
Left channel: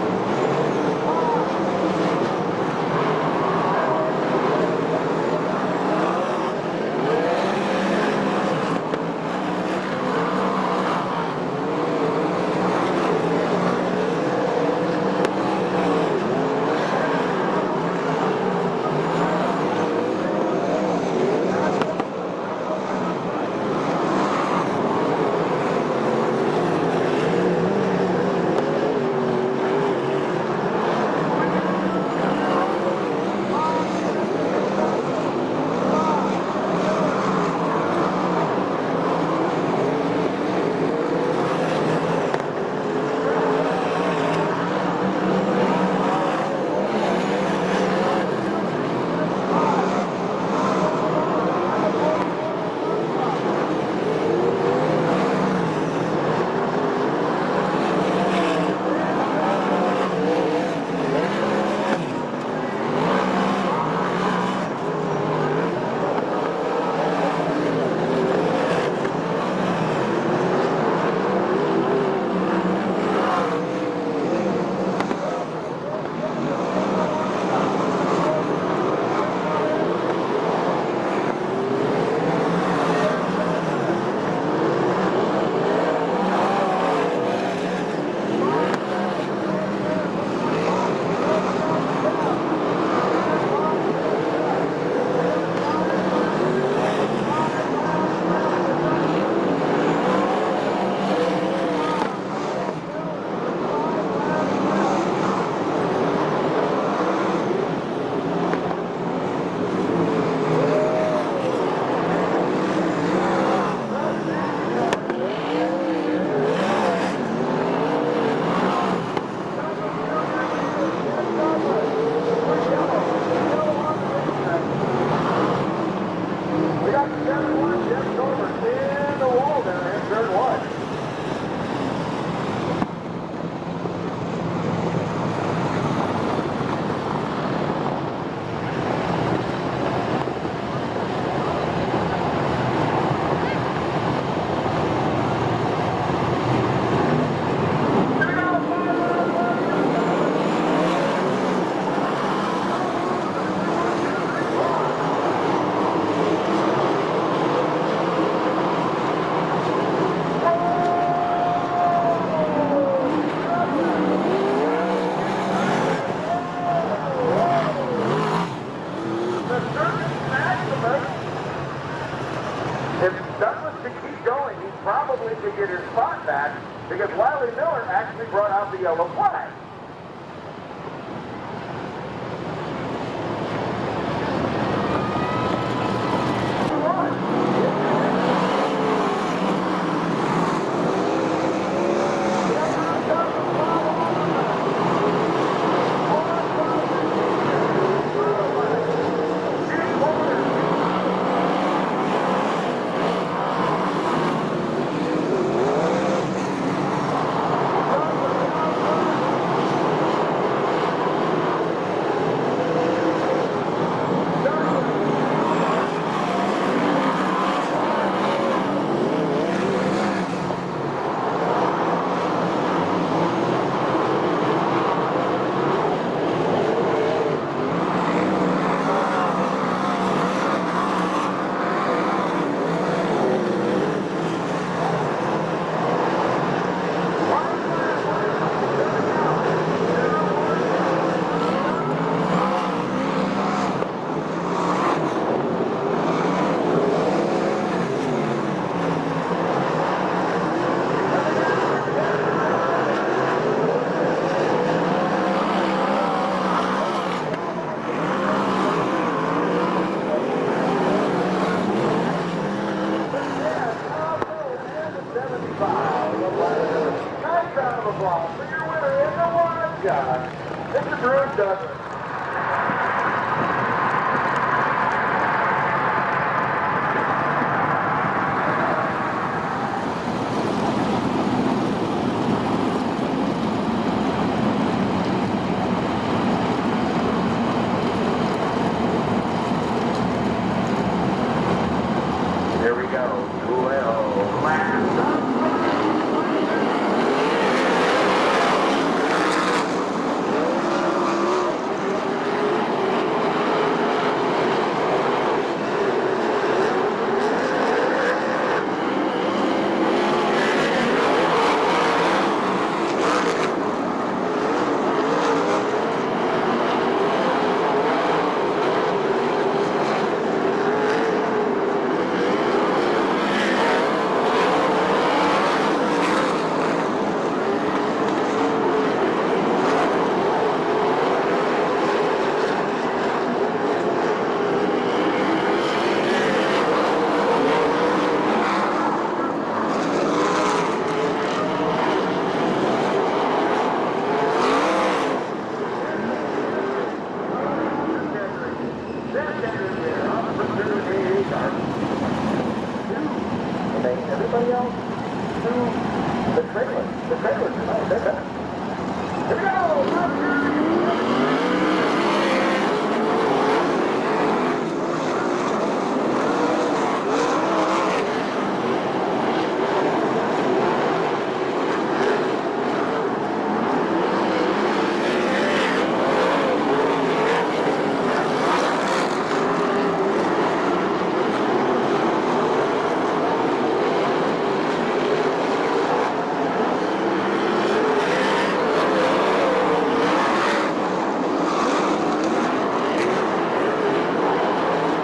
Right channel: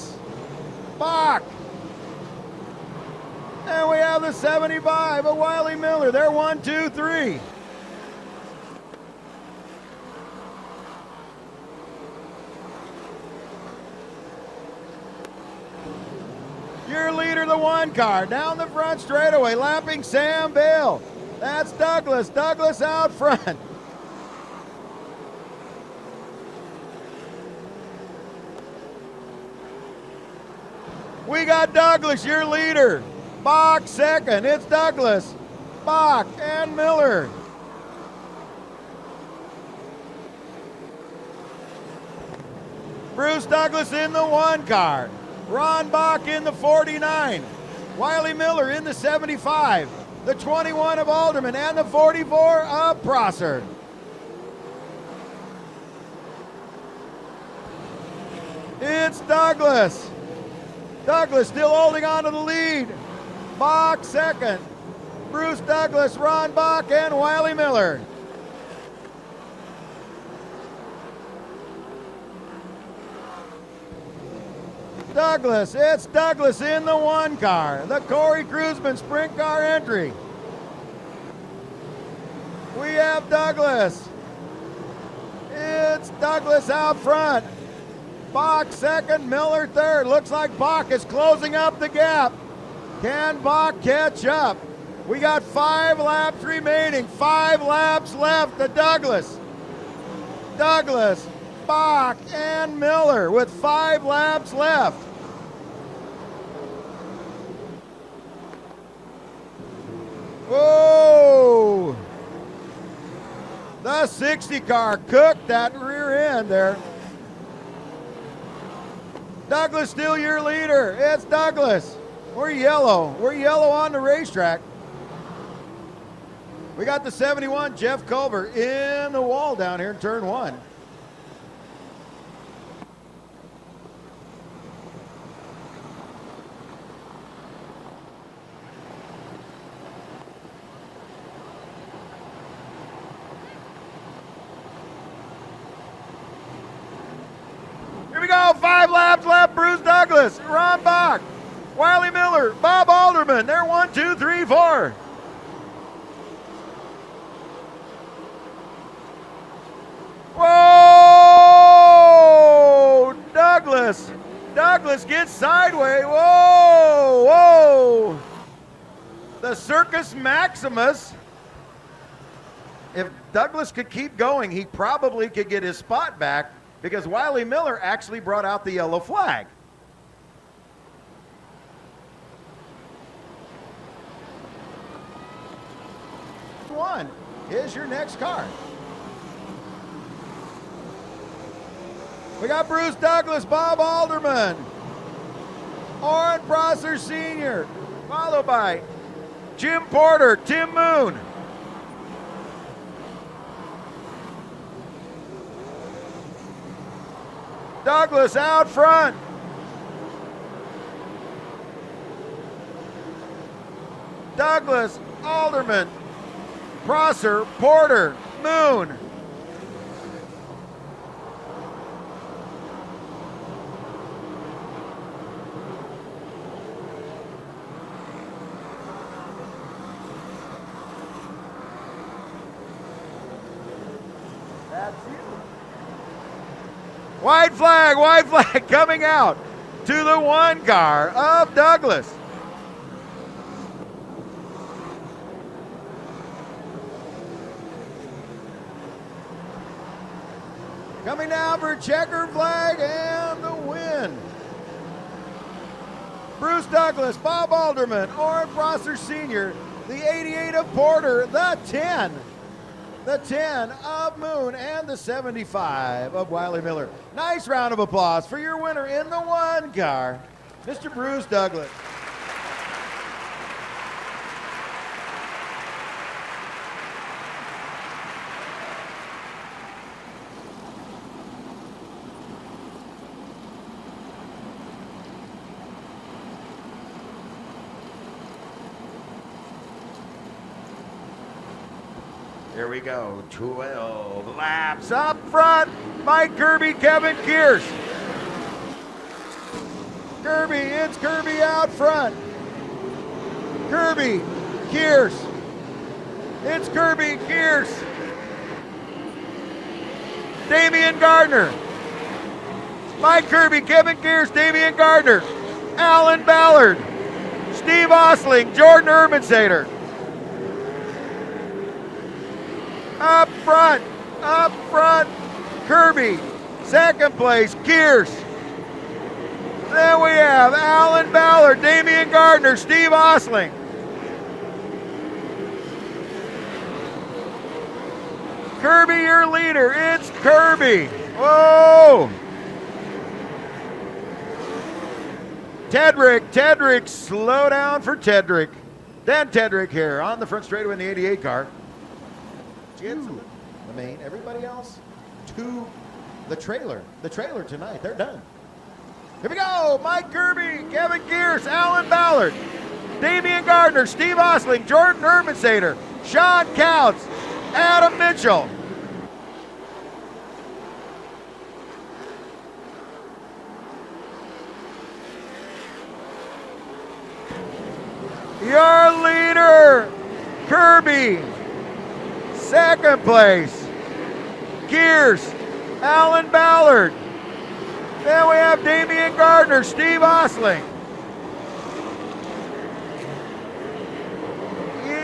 Bach, and we have the 75 of Wiley Miller. They're 1, 2, 3. Car down the front straightaway, lapping Sam Bale. That's Douglas. Douglas out front. We got Douglas, your leader. Bach second. It's Douglas, Bach, and Miller. Bruce Douglas in the one car. Ron Bach in the 49. Wiley Miller in the 75, the 21 of Alderman, and the 44 of Prosser. It's Douglas. Douglas still holding on to the lead. Bach second. Bruce Douglas, Ron Bach, and Wiley Miller. Douglas, it's Douglas in the one car, the Corey Cruzman sprint car entry. We have Douglas. It's Douglas out front. Bach second, Miller third. Looks like Bach is closing up the gap. Can Bach catch up? We got 5 laps remaining, 5 laps left to Douglas. Douglas, Bach, and Miller with 5 laps left. Whoa! The 60 car cooked that rear end there. Douglas still your leader. It's Douglas. We're yellow. We're yellow on the racetrack. We got the 71 Jeff Culver in the wall down here in turn 1. Here we go, 5 laps left. Bruce Douglas, Ron Douglas could keep going, he probably could get his spot back because Wiley Miller actually brought out the yellow flag. It's your next car. We got Bruce Douglas, Bob Alderman, Warren Prosser Sr., followed by Jim Porter, Tim Moon. Douglas out front. Douglas, Alderman, Prosser, Porter, Moon. White flag coming out to the 1 car of Douglas. Coming down for checker flag and the win. Bruce Douglas, Bob Alderman, Warren Prosser Sr., the 88 of Porter, the 10 of Moon, and the 75 of Wiley Miller. Nice round of applause for your winner in the 1 car, Mr. Bruce Douglas. Here we go, 12 laps up front. Mike Kirby, Kevin Kears. Kirby, it's Kirby out front. Kirby, Kears. It's Kirby, Kears. Damian Gardner. Mike Kirby, Kevin Kears, Damian Gardner. Alan Ballard. Steve Osling, Jordan Urbansater. Up front. Kirby, second place, Kears. Then we have Alan Ballard, Damian Gardner, Steve Osling. Kirby, your leader, it's Kirby. Whoa! Tedrick, slow down for Tedrick. Then Tedrick here on the first straight with the 88 car. Okay, everybody else? The trailer. Here we go. Mike Kirby, Kevin Kears, Alan Ballard, Damian Gardner, Steve Osling, Jordan Urbansater, Sean Counts, Adam Mitchell. Your leader, Kirby, second place. Kears, Alan Ballard. Then we have Damian Gardner, Steve Osling.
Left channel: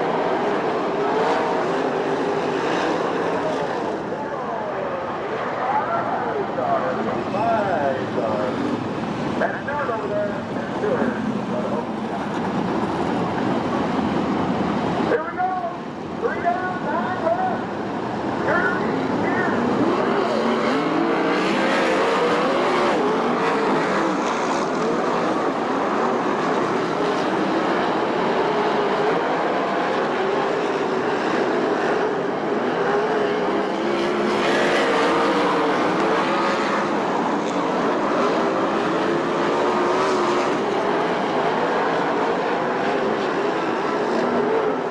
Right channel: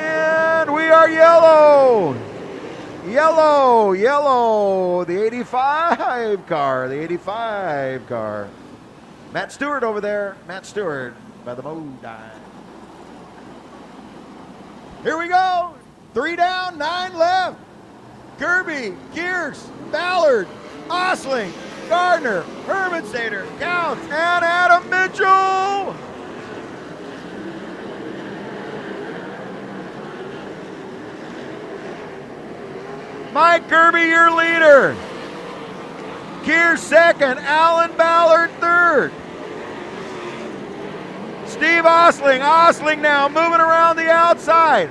And we are yellow. The 85 car, Matt Stewart over there, Here we go. 3 down, 9 left. Kirby, Kears, Ballard, Osling, Gardner, Urbansater, Counts, and Adam Mitchell. Mike Kirby, your leader. Kears second, Alan Ballard third. Steve Osling now moving around the outside.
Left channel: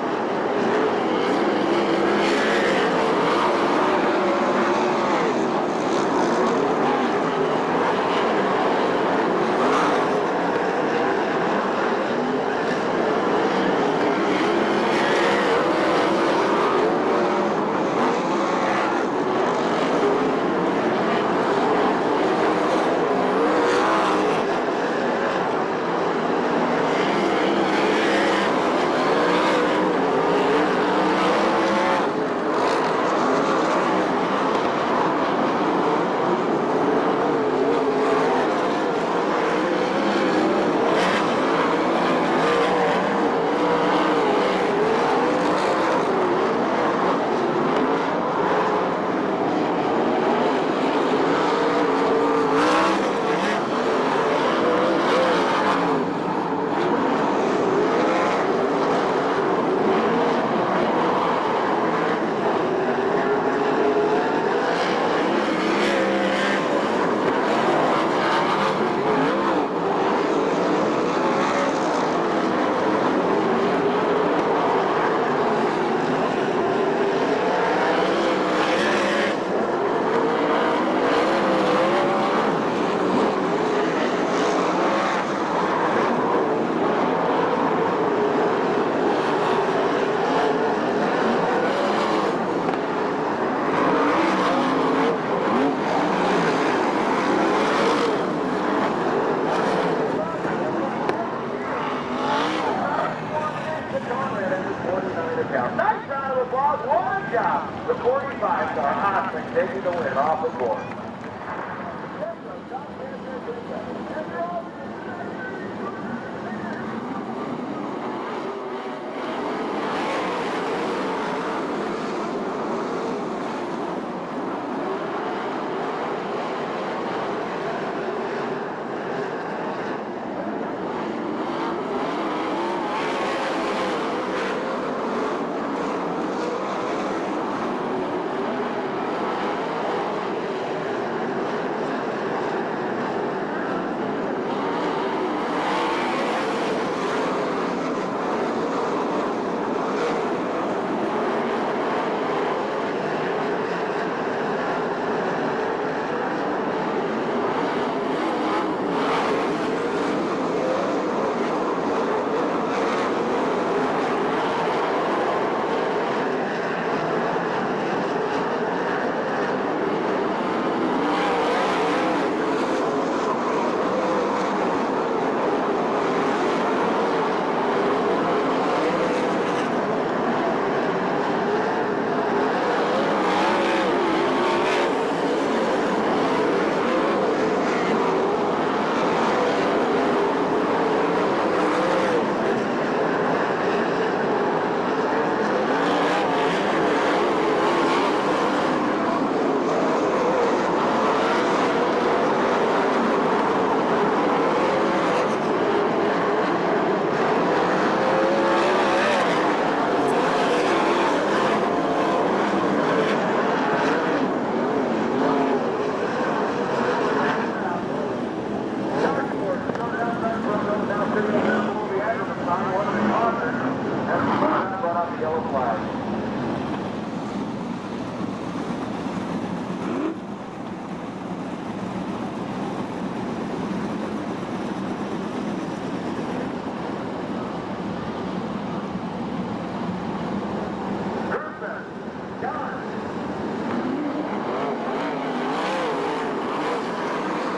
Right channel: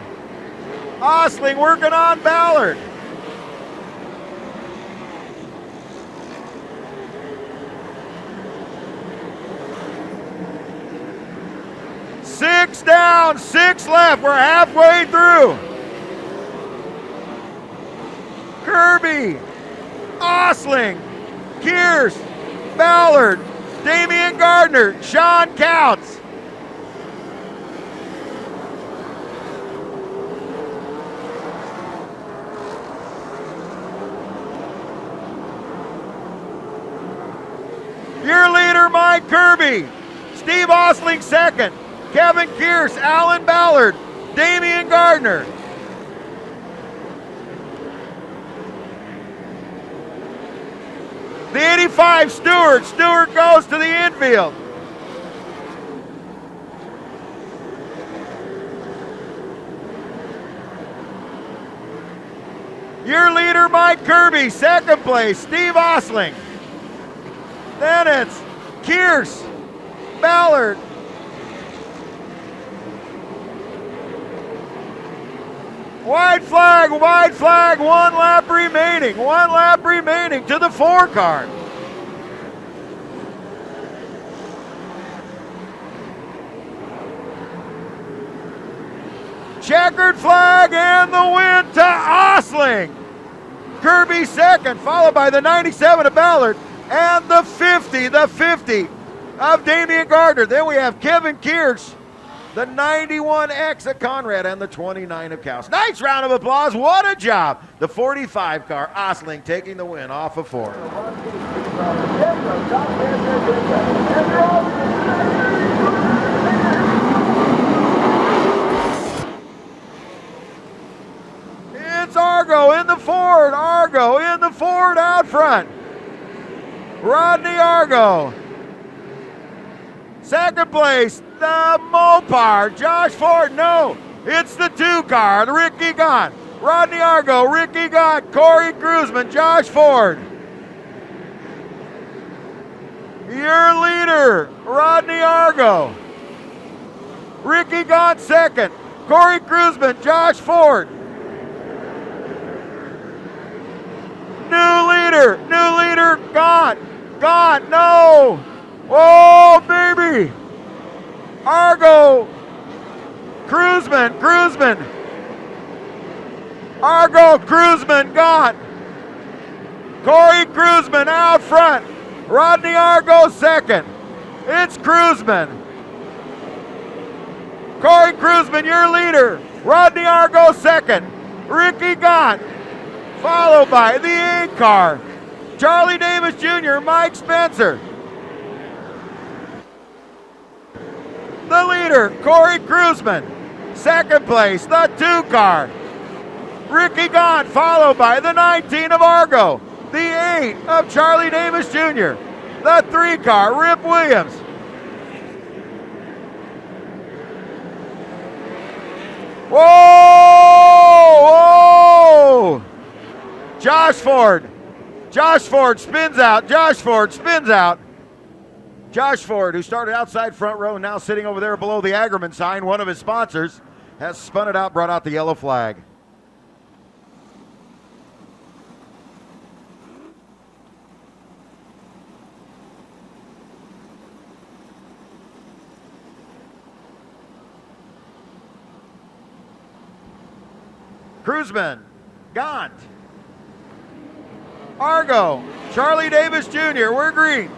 Osling working on Ballard. Down, 6 left. We're halfway through. Kirby, Osling, Kears, Ballard, Damian Gardner, Sean Counts. Kirby, Steve Osling second, Kevin Pierce, Alan Ballard, Damian Gardner. The 85, Stewart goes to the infield. Your leader, Mike Kirby, second place, Steve Osling. Then it's Pierce, Ballard, white flag, 1 lap remaining to the 4 car. Checkered flag and the win to Osling. Kirby second, followed by the 97 of Ballard and the 50 of Damian Gardner. Then we have Kevin Pierce, the 91X of Conrad, and the 29 of Cass. Nice round of applause. What a job. The 45 car, Osling, taking the win off of 4. It's Argo in the Ford out front. Rodney Argo. Second place, the Mopar, Josh Ford. No, it's the 2 car, Ricky Gott. Rodney Argo, Ricky Gott, Corey Cruzman, Josh Ford. Your leader, Rodney Argo. Ricky Gott second, Corey Cruzman, Josh Ford. New leader, Gott, no. Oh, baby! Argo, Cruzman. Argo, Cruzman, Gott. Corey Cruzman out front. Rodney Argo second. It's Cruzman. Corey Cruzman, your leader. Rodney Argo second. Ricky Gott, followed by the 8 car. Charlie Davis Jr., Mike Spencer. The leader, Corey Cruzman. Second place, the 2 car. Ricky Gott, followed by the 19 of Argo. The 8 of Charlie Davis Jr. The 3 car, Rip Williams. Whoa! Josh Ford spins out. Josh Ford, who started outside front row, now sitting over there below the Aggerman sign, one of his sponsors, has spun it out, brought out the yellow flag. Cruzman, Gott, Argo, Charlie Davis Jr., we're green.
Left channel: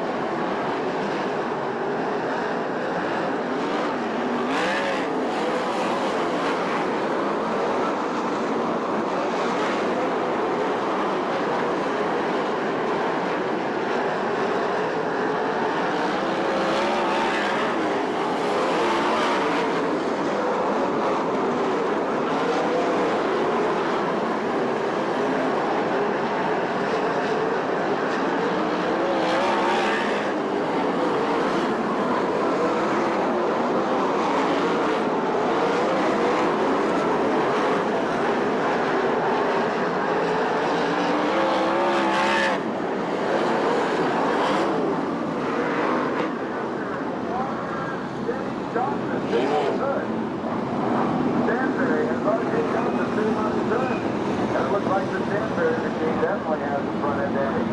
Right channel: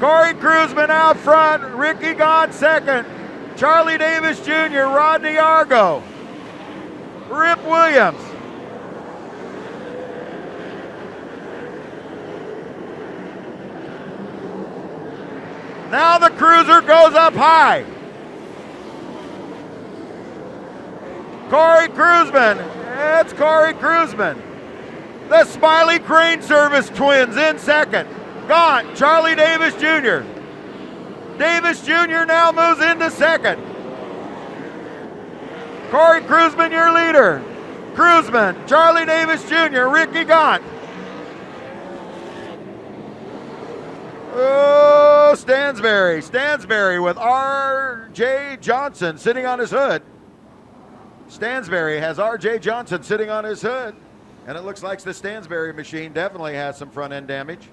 Corey Cruzman out front, Ricky Gott second, Charlie Davis Jr., Rodney Argo, Rip Williams. Now the cruiser goes up high. Corey Cruzman, it's Corey Cruzman. The Smiley Crane Service twins in second. Gott, Charlie Davis Jr. Davis Jr. now moves into second. Corey Cruzman, your leader. Cruzman, Charlie Davis Jr., Ricky Gott. Oh, Stansberry with R.J. Johnson sitting on his hood. Stansberry has R.J. Johnson sitting on his hood. And it looks like the Stansberry machine definitely has some front end damage.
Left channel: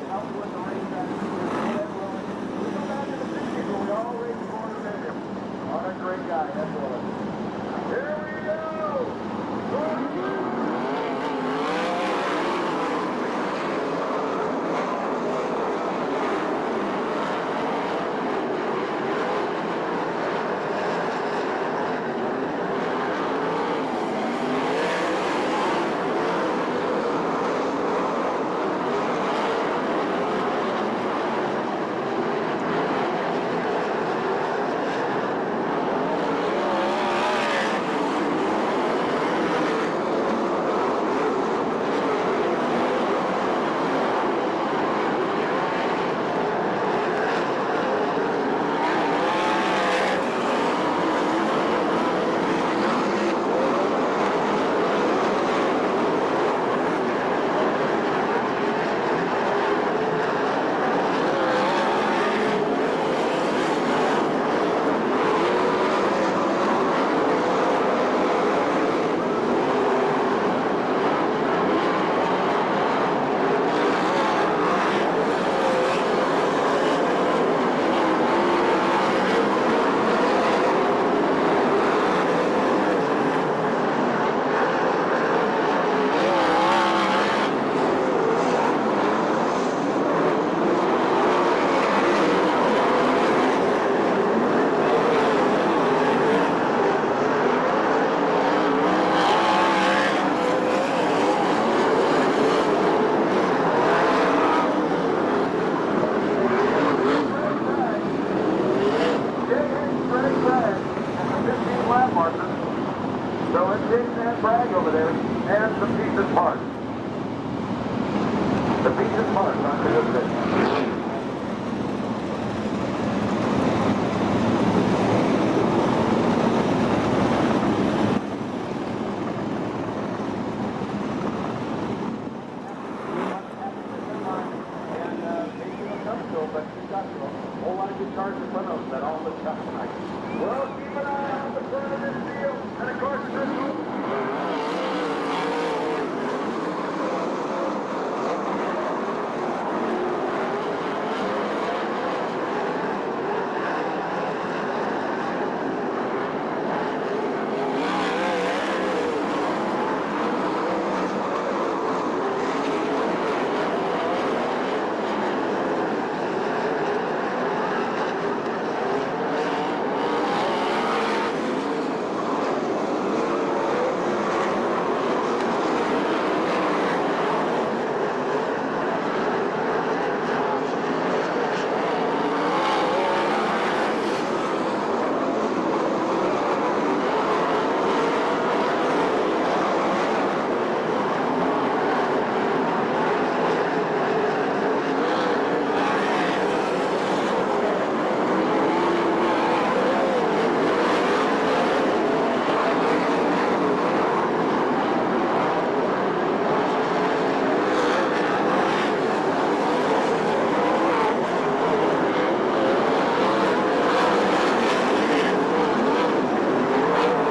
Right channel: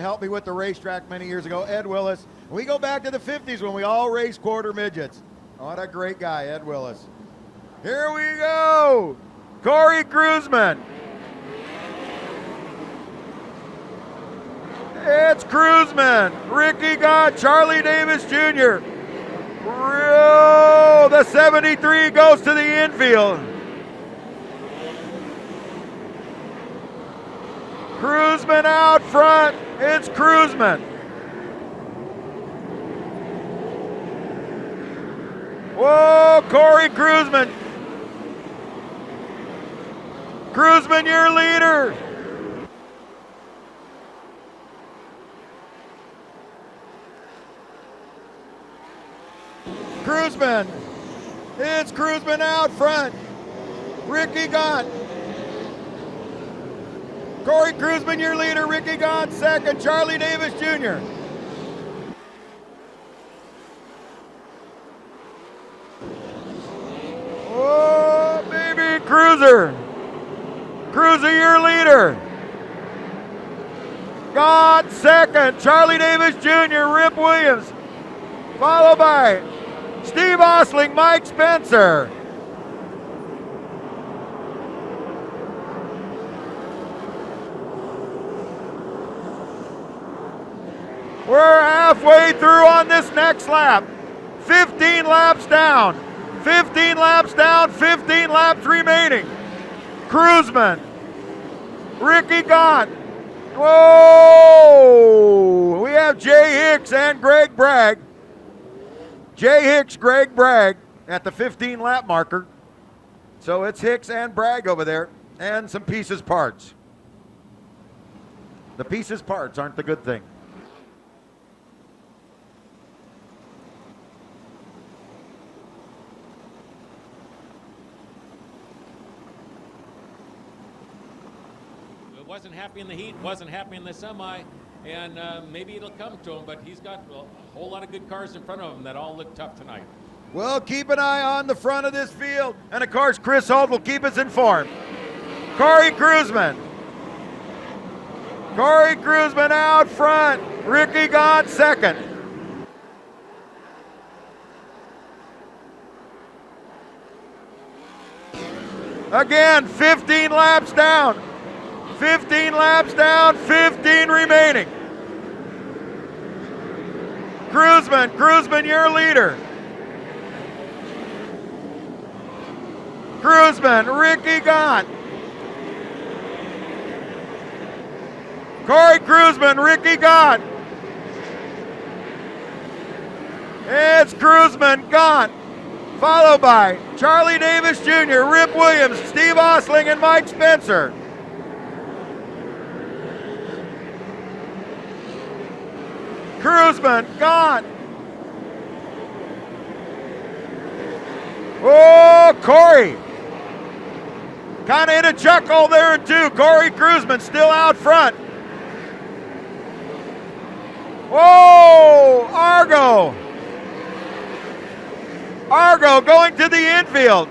Helped me with the racetrack many years ago, Ed Willis. We go back to the 50s when we all raced quarter midgets. What a great guy, Ed Willis. Here we go. Corey Cruzman. It's Cruzman, Ricky Gott, Charlie Davis Jr. Oh, the The 73 goes to the infield. Cruzman out front. It's Cruzman. Whoa, Corey Cruzman. Cruzman, your leader. Cruzman. It's Cruzman out front. Ricky Gott. Corey Cruzman, your leader. Ricky Gott second. Charlie Davis Jr. Oh, baby, Cruiser. Cruiser, your leader. Gott second. Charlie Davis Jr. Rip Williams. Followed by Steve Osling, Mike Spencer. We're halfway through on this next lap. 15 laps down. 15 laps down, 15 laps remaining. Cruzman. Ricky Gott. Whoa! We have Jay Hicks and Greg Bragg. Jay Hicks, Greg Bragg at the 15 lap marker. So it's Hicks and Bragg over there, and some pieces parts. The pieces parts aren't the good thing. Wasn't happy in the heat, wasn't happy in the semi, and maybe it'll come to him, but he's got a whole lot of good cars in front of him that all look tough tonight. Well, keep an eye on the front of this field, and of course, Chris Holt will keep us informed. Corey Cruzman. Corey Cruzman out front. Ricky Gott second. Again, 15 laps down. 15 laps down, 15 remaining. Cruzman, your leader. Cruzman, Ricky Gott. Corey Cruzman, Ricky Gott. It's Cruzman, Gott. Followed by Charlie Davis Jr., Rip Williams, Steve Osling, and Mike Spencer. Cruzman, Gott. Oh, Corey. Kind of in a chuckle there too. Corey Cruzman still out front. Oh, Argo. Argo going to the infield.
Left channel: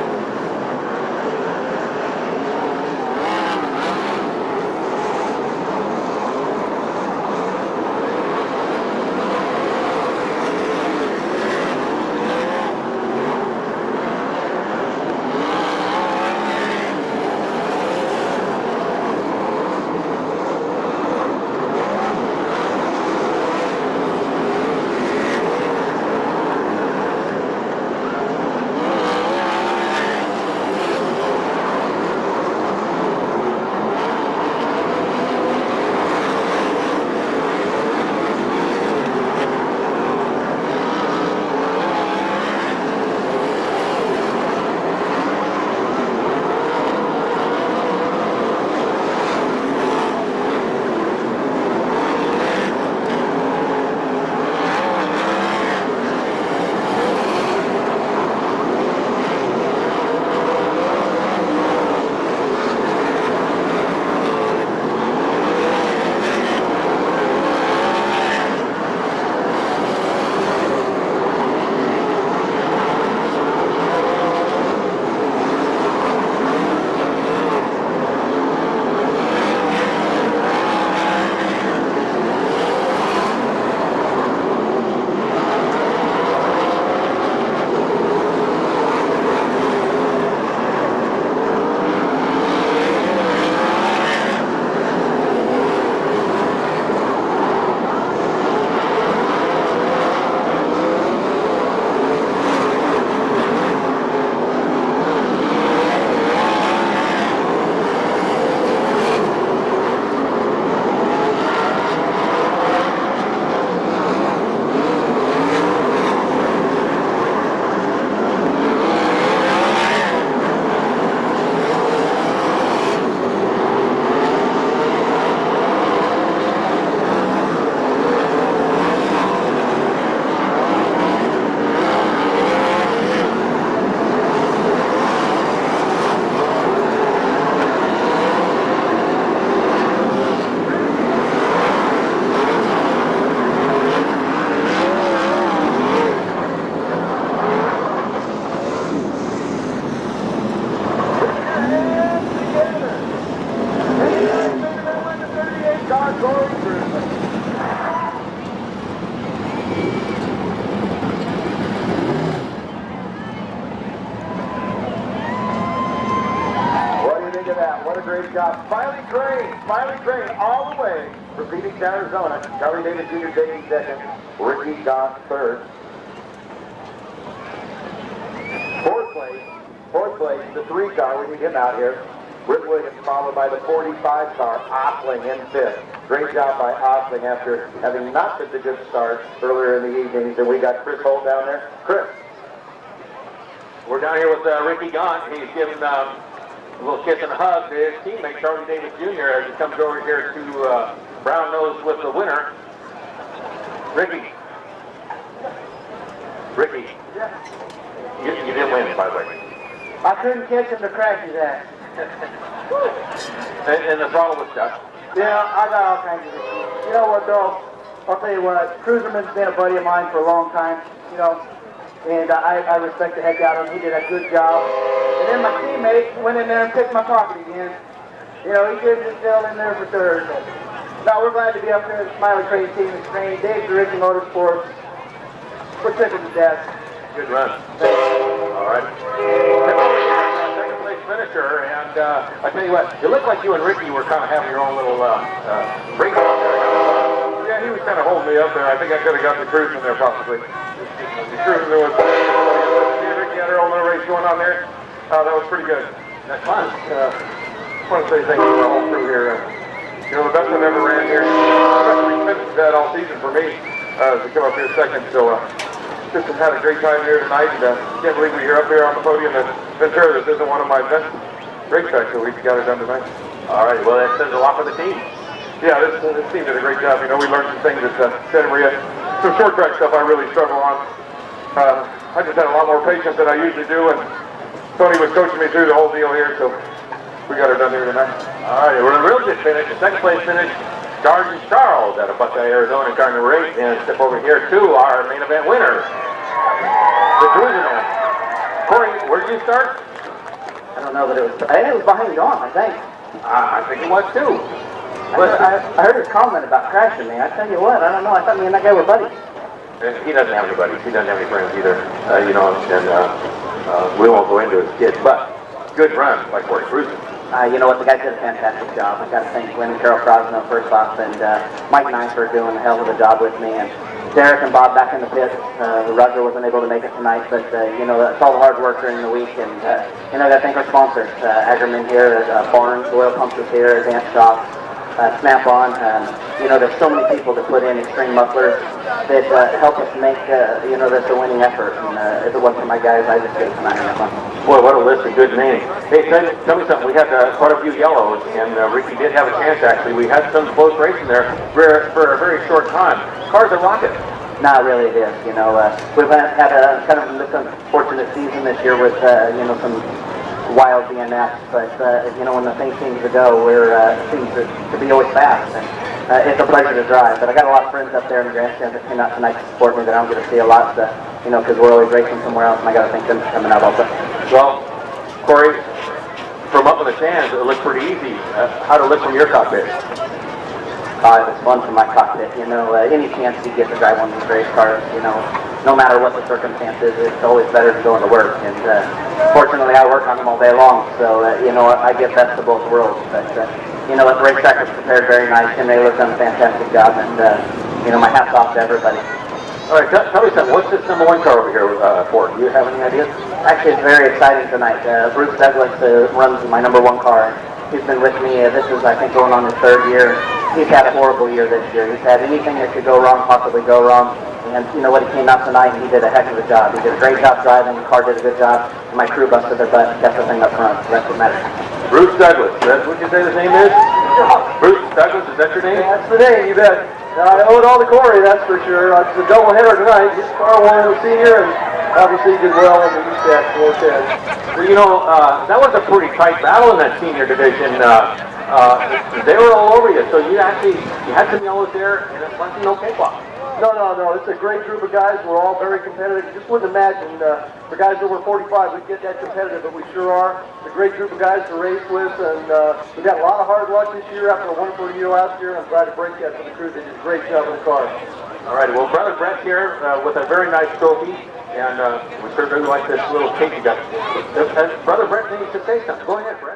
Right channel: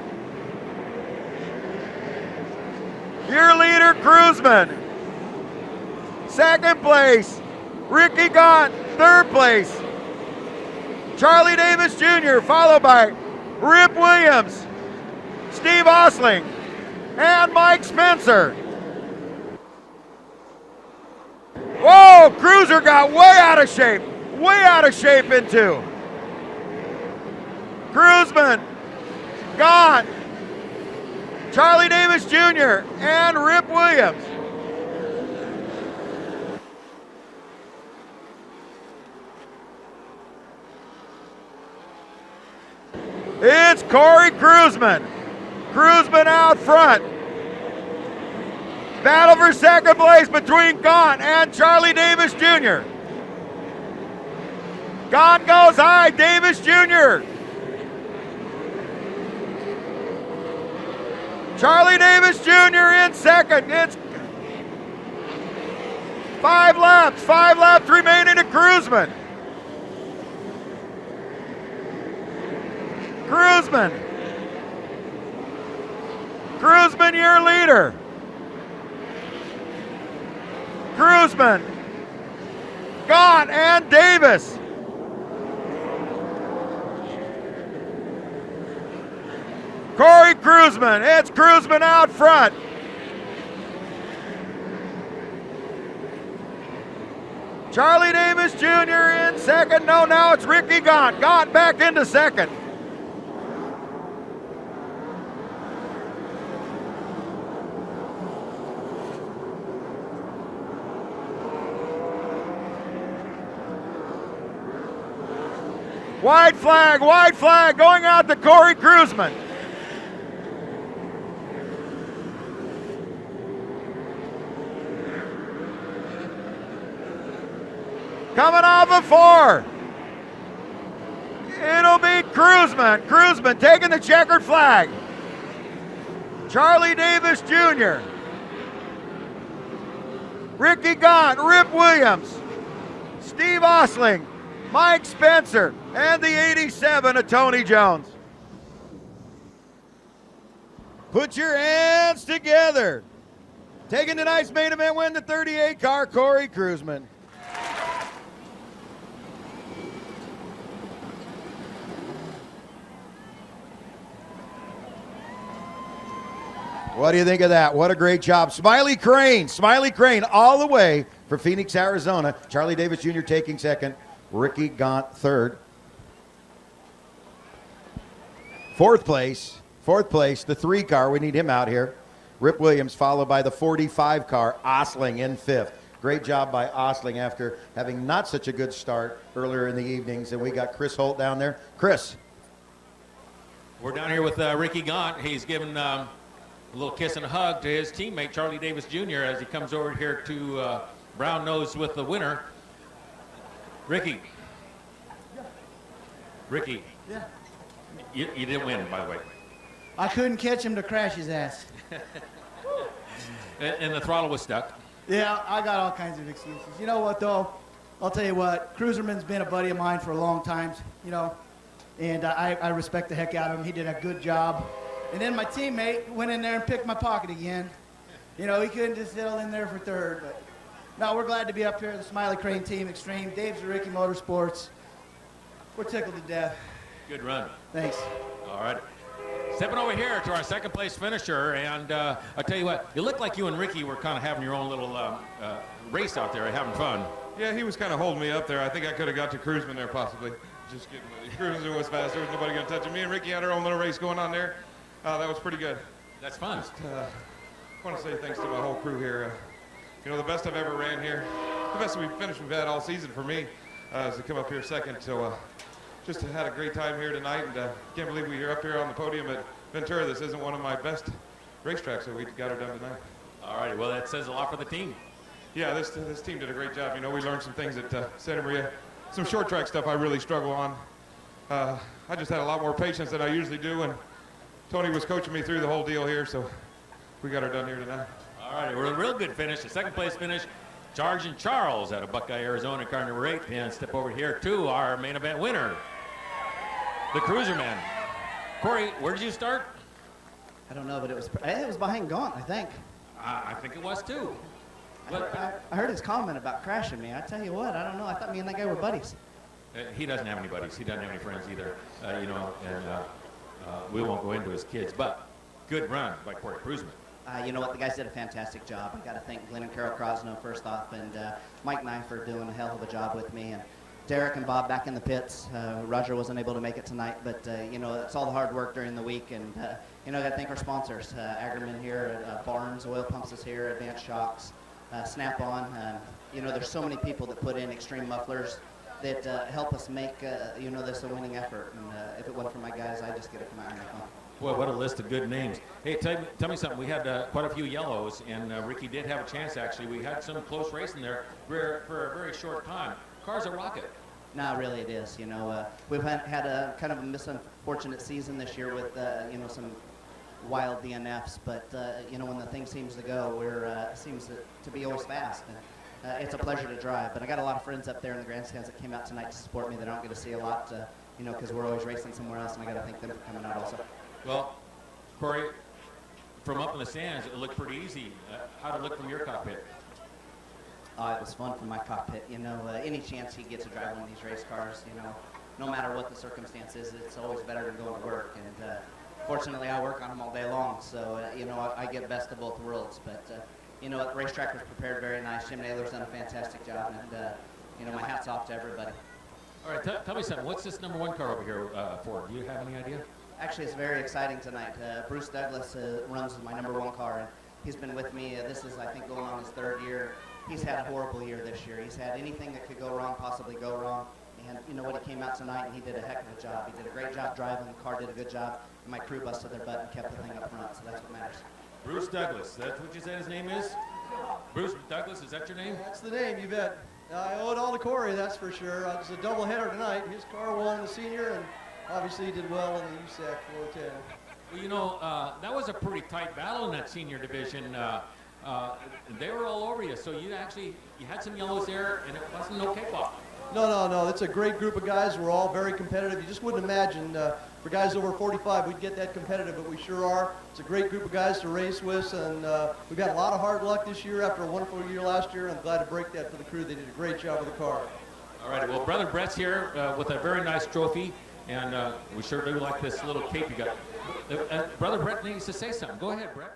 Your leader, Cruzman. Second place, Ricky Gott. Third place, Charlie Davis Jr., followed by Rip Williams, Steve Osling, and Mike Spencer. Whoa, Cruiser got way out of shape into. Cruzman, Gott, Charlie Davis Jr., and Rip Williams. It's Corey Cruzman. Cruzman out front. Battle for second place between Gott and Charlie Davis Jr. Gott goes high, Davis Jr. Charlie Davis Jr. in second. It's 5 laps remaining to Cruzman. Cruzman, your leader. Cruzman, Gott, and Davis. Corey Cruzman, it's Cruzman out front. Charlie Davis Jr. in second. No, now it's Ricky Gott. Gott back into second. What do you think of that? What a great job. Smiley Crane all the way for Phoenix, Arizona. Charlie Davis Jr. taking second. Ricky Gaunt third. Fourth place, the 3 car. We need him out here. Rip Williams followed by the 45 car, Osling in fifth. Great job by Osling after having not such a good start earlier in the evening. So we got Chris Holt down there. Chris. We're down here with Ricky Gaunt. He's giving a little kiss and a hug to his teammate Charlie Davis Jr. as he comes over here to round nose with the winner. Ricky. You didn't win, by the way. I couldn't catch him to crash his ass. And the phone was stuck. Yeah, I got all kinds of issues. You know what though? I'll tell you what, Cruiserman's been a buddy of mine for a long time, you know, and I respect the heck out of him. He did a good job. And then my teammate went in there and picked my pocket again. You know, he did just down in there for third. But we're glad to be up here. It's my great team. It's named Dave Grigg Motorsports. We're second to death. Good run. Yes. All right. Second place finisher, and I tell you what, it looked like you and Ricky were kind of having your own little race out there. Yeah, he was kind of holding me up there. I think I could have got the cruising there possibly. The cruising there was me and Ricky had our own little race going on there. That was pretty good. That's fun. I want to say thank you to the whole crew here. You know, the best one ever ran here. I've that all season for me to come up here second. So just had a great time here tonight. And can't believe we're up here on the podium at Ventura. This isn't one of my best racetracks, so we got it done tonight. All right, well, that says a lot for the team. Yeah, this team did a great job. You know, we learned some things that generally, some short track stuff I really struggle on. I just had a lot more patience than I usually do, and Tony was coaching me through the whole deal here, so we got it done here tonight. All right, we're in a real good finish. The second place finish, Sergeant Charles out of Buckeye, Arizona, car number 8, and step over here to our main event winner. Corey, where did you start? I don't know, but it was behind John, I think. I think it was too. I heard his comment about crashing me. I tell you what, I don't know. I thought me and that guy were buddies. He doesn't have any buddies. He doesn't have any friends either. You know, and we won't go into his kids, but good run by Corey Cruiser. You know what, the guy did a fantastic job. I got to thank Lynn and Carol Crosno first off, and Mike Nice for doing a hell of a job with me, and Derek and Bob back in the pits. Roger wasn't able to make it tonight, but you know, that's all the hard work during the week, and you know, I got to thank our sponsors, Ackerman here, Barnes, Oil Pumps is here, Advanced Shops, Snap-on. You know, there's so many people that put in Extreme Mufflers that help us make, you know, that's a winning effort. And if it wasn't for my guys, I just couldn't come out here. Boy, what a list of good names. Hey, tell me something. We had quite a few yellows, and Ricky did have a chance, actually. We had some close racing there for a very short time. Car's a rocket. No, really it is. You know, we've had a kind of unfortunate season this year with, you know, some wild DNS, but you know, when the thing seems to go, seems to be always fast, and it's a pleasure to drive. But I got a lot of friends up there in the grandstand that came out tonight to support me that I don't get to see a lot, you know, because we're always racing somewhere else, and I got to thank them for coming out also. Well, Corey, from up in the stands, it looked pretty easy. How'd it look from your cockpit? It was fun from my cockpit, you know, any chance you get to drive one of these race cars, you know, no matter what the circumstances, it's always better to go into work, and fortunately I work on them all day long, so, you know, I get best of both worlds, but, you know, the racetrack was prepared very nice, and they looked done a fantastic job, and, you know, my hat's off to everybody. All right, tell me something, what's this number 1 car over here for? Do you have any ideas? Actually, it's very exciting tonight. Bruce Douglas runs my number 1 car. He's been with me, this is, I think, going on his 3rd year. He's had a horrible year this year. He's had anything that could go wrong, possibly go wrong. And you know what, he came out tonight and he did a heck of a job. He did a great job driving, the car did a good job. My crew busted their butt and kept the thing up front. So that's what matters. Bruce Douglas, that's what you say his name is? Bruce Douglas, is that your name? Yeah, that's the name, you bet. I owe it all to Corey, that's for sure. It's a doubleheader tonight. His car won as a senior, and obviously he did well in the USAC 410. Well, you know, that was a pretty tight battle in that senior division. They were all over you, so you had some yellows there, and it wasn't no cakewalk. No, it's a great group of guys. We're all very competitive. Just wouldn't imagine the guys over 45 would get that competitive, but we sure are. It's a great group of guys to race with, and we got a lot of hard luck this year after a wonderful year last year, and I'm glad to break that for the crew. They did a great job with the car. All right, well, Brother Brett here with a very nice trophy, and we certainly like this little cake you got. Brother Brett needs to say something. Go ahead, Brett.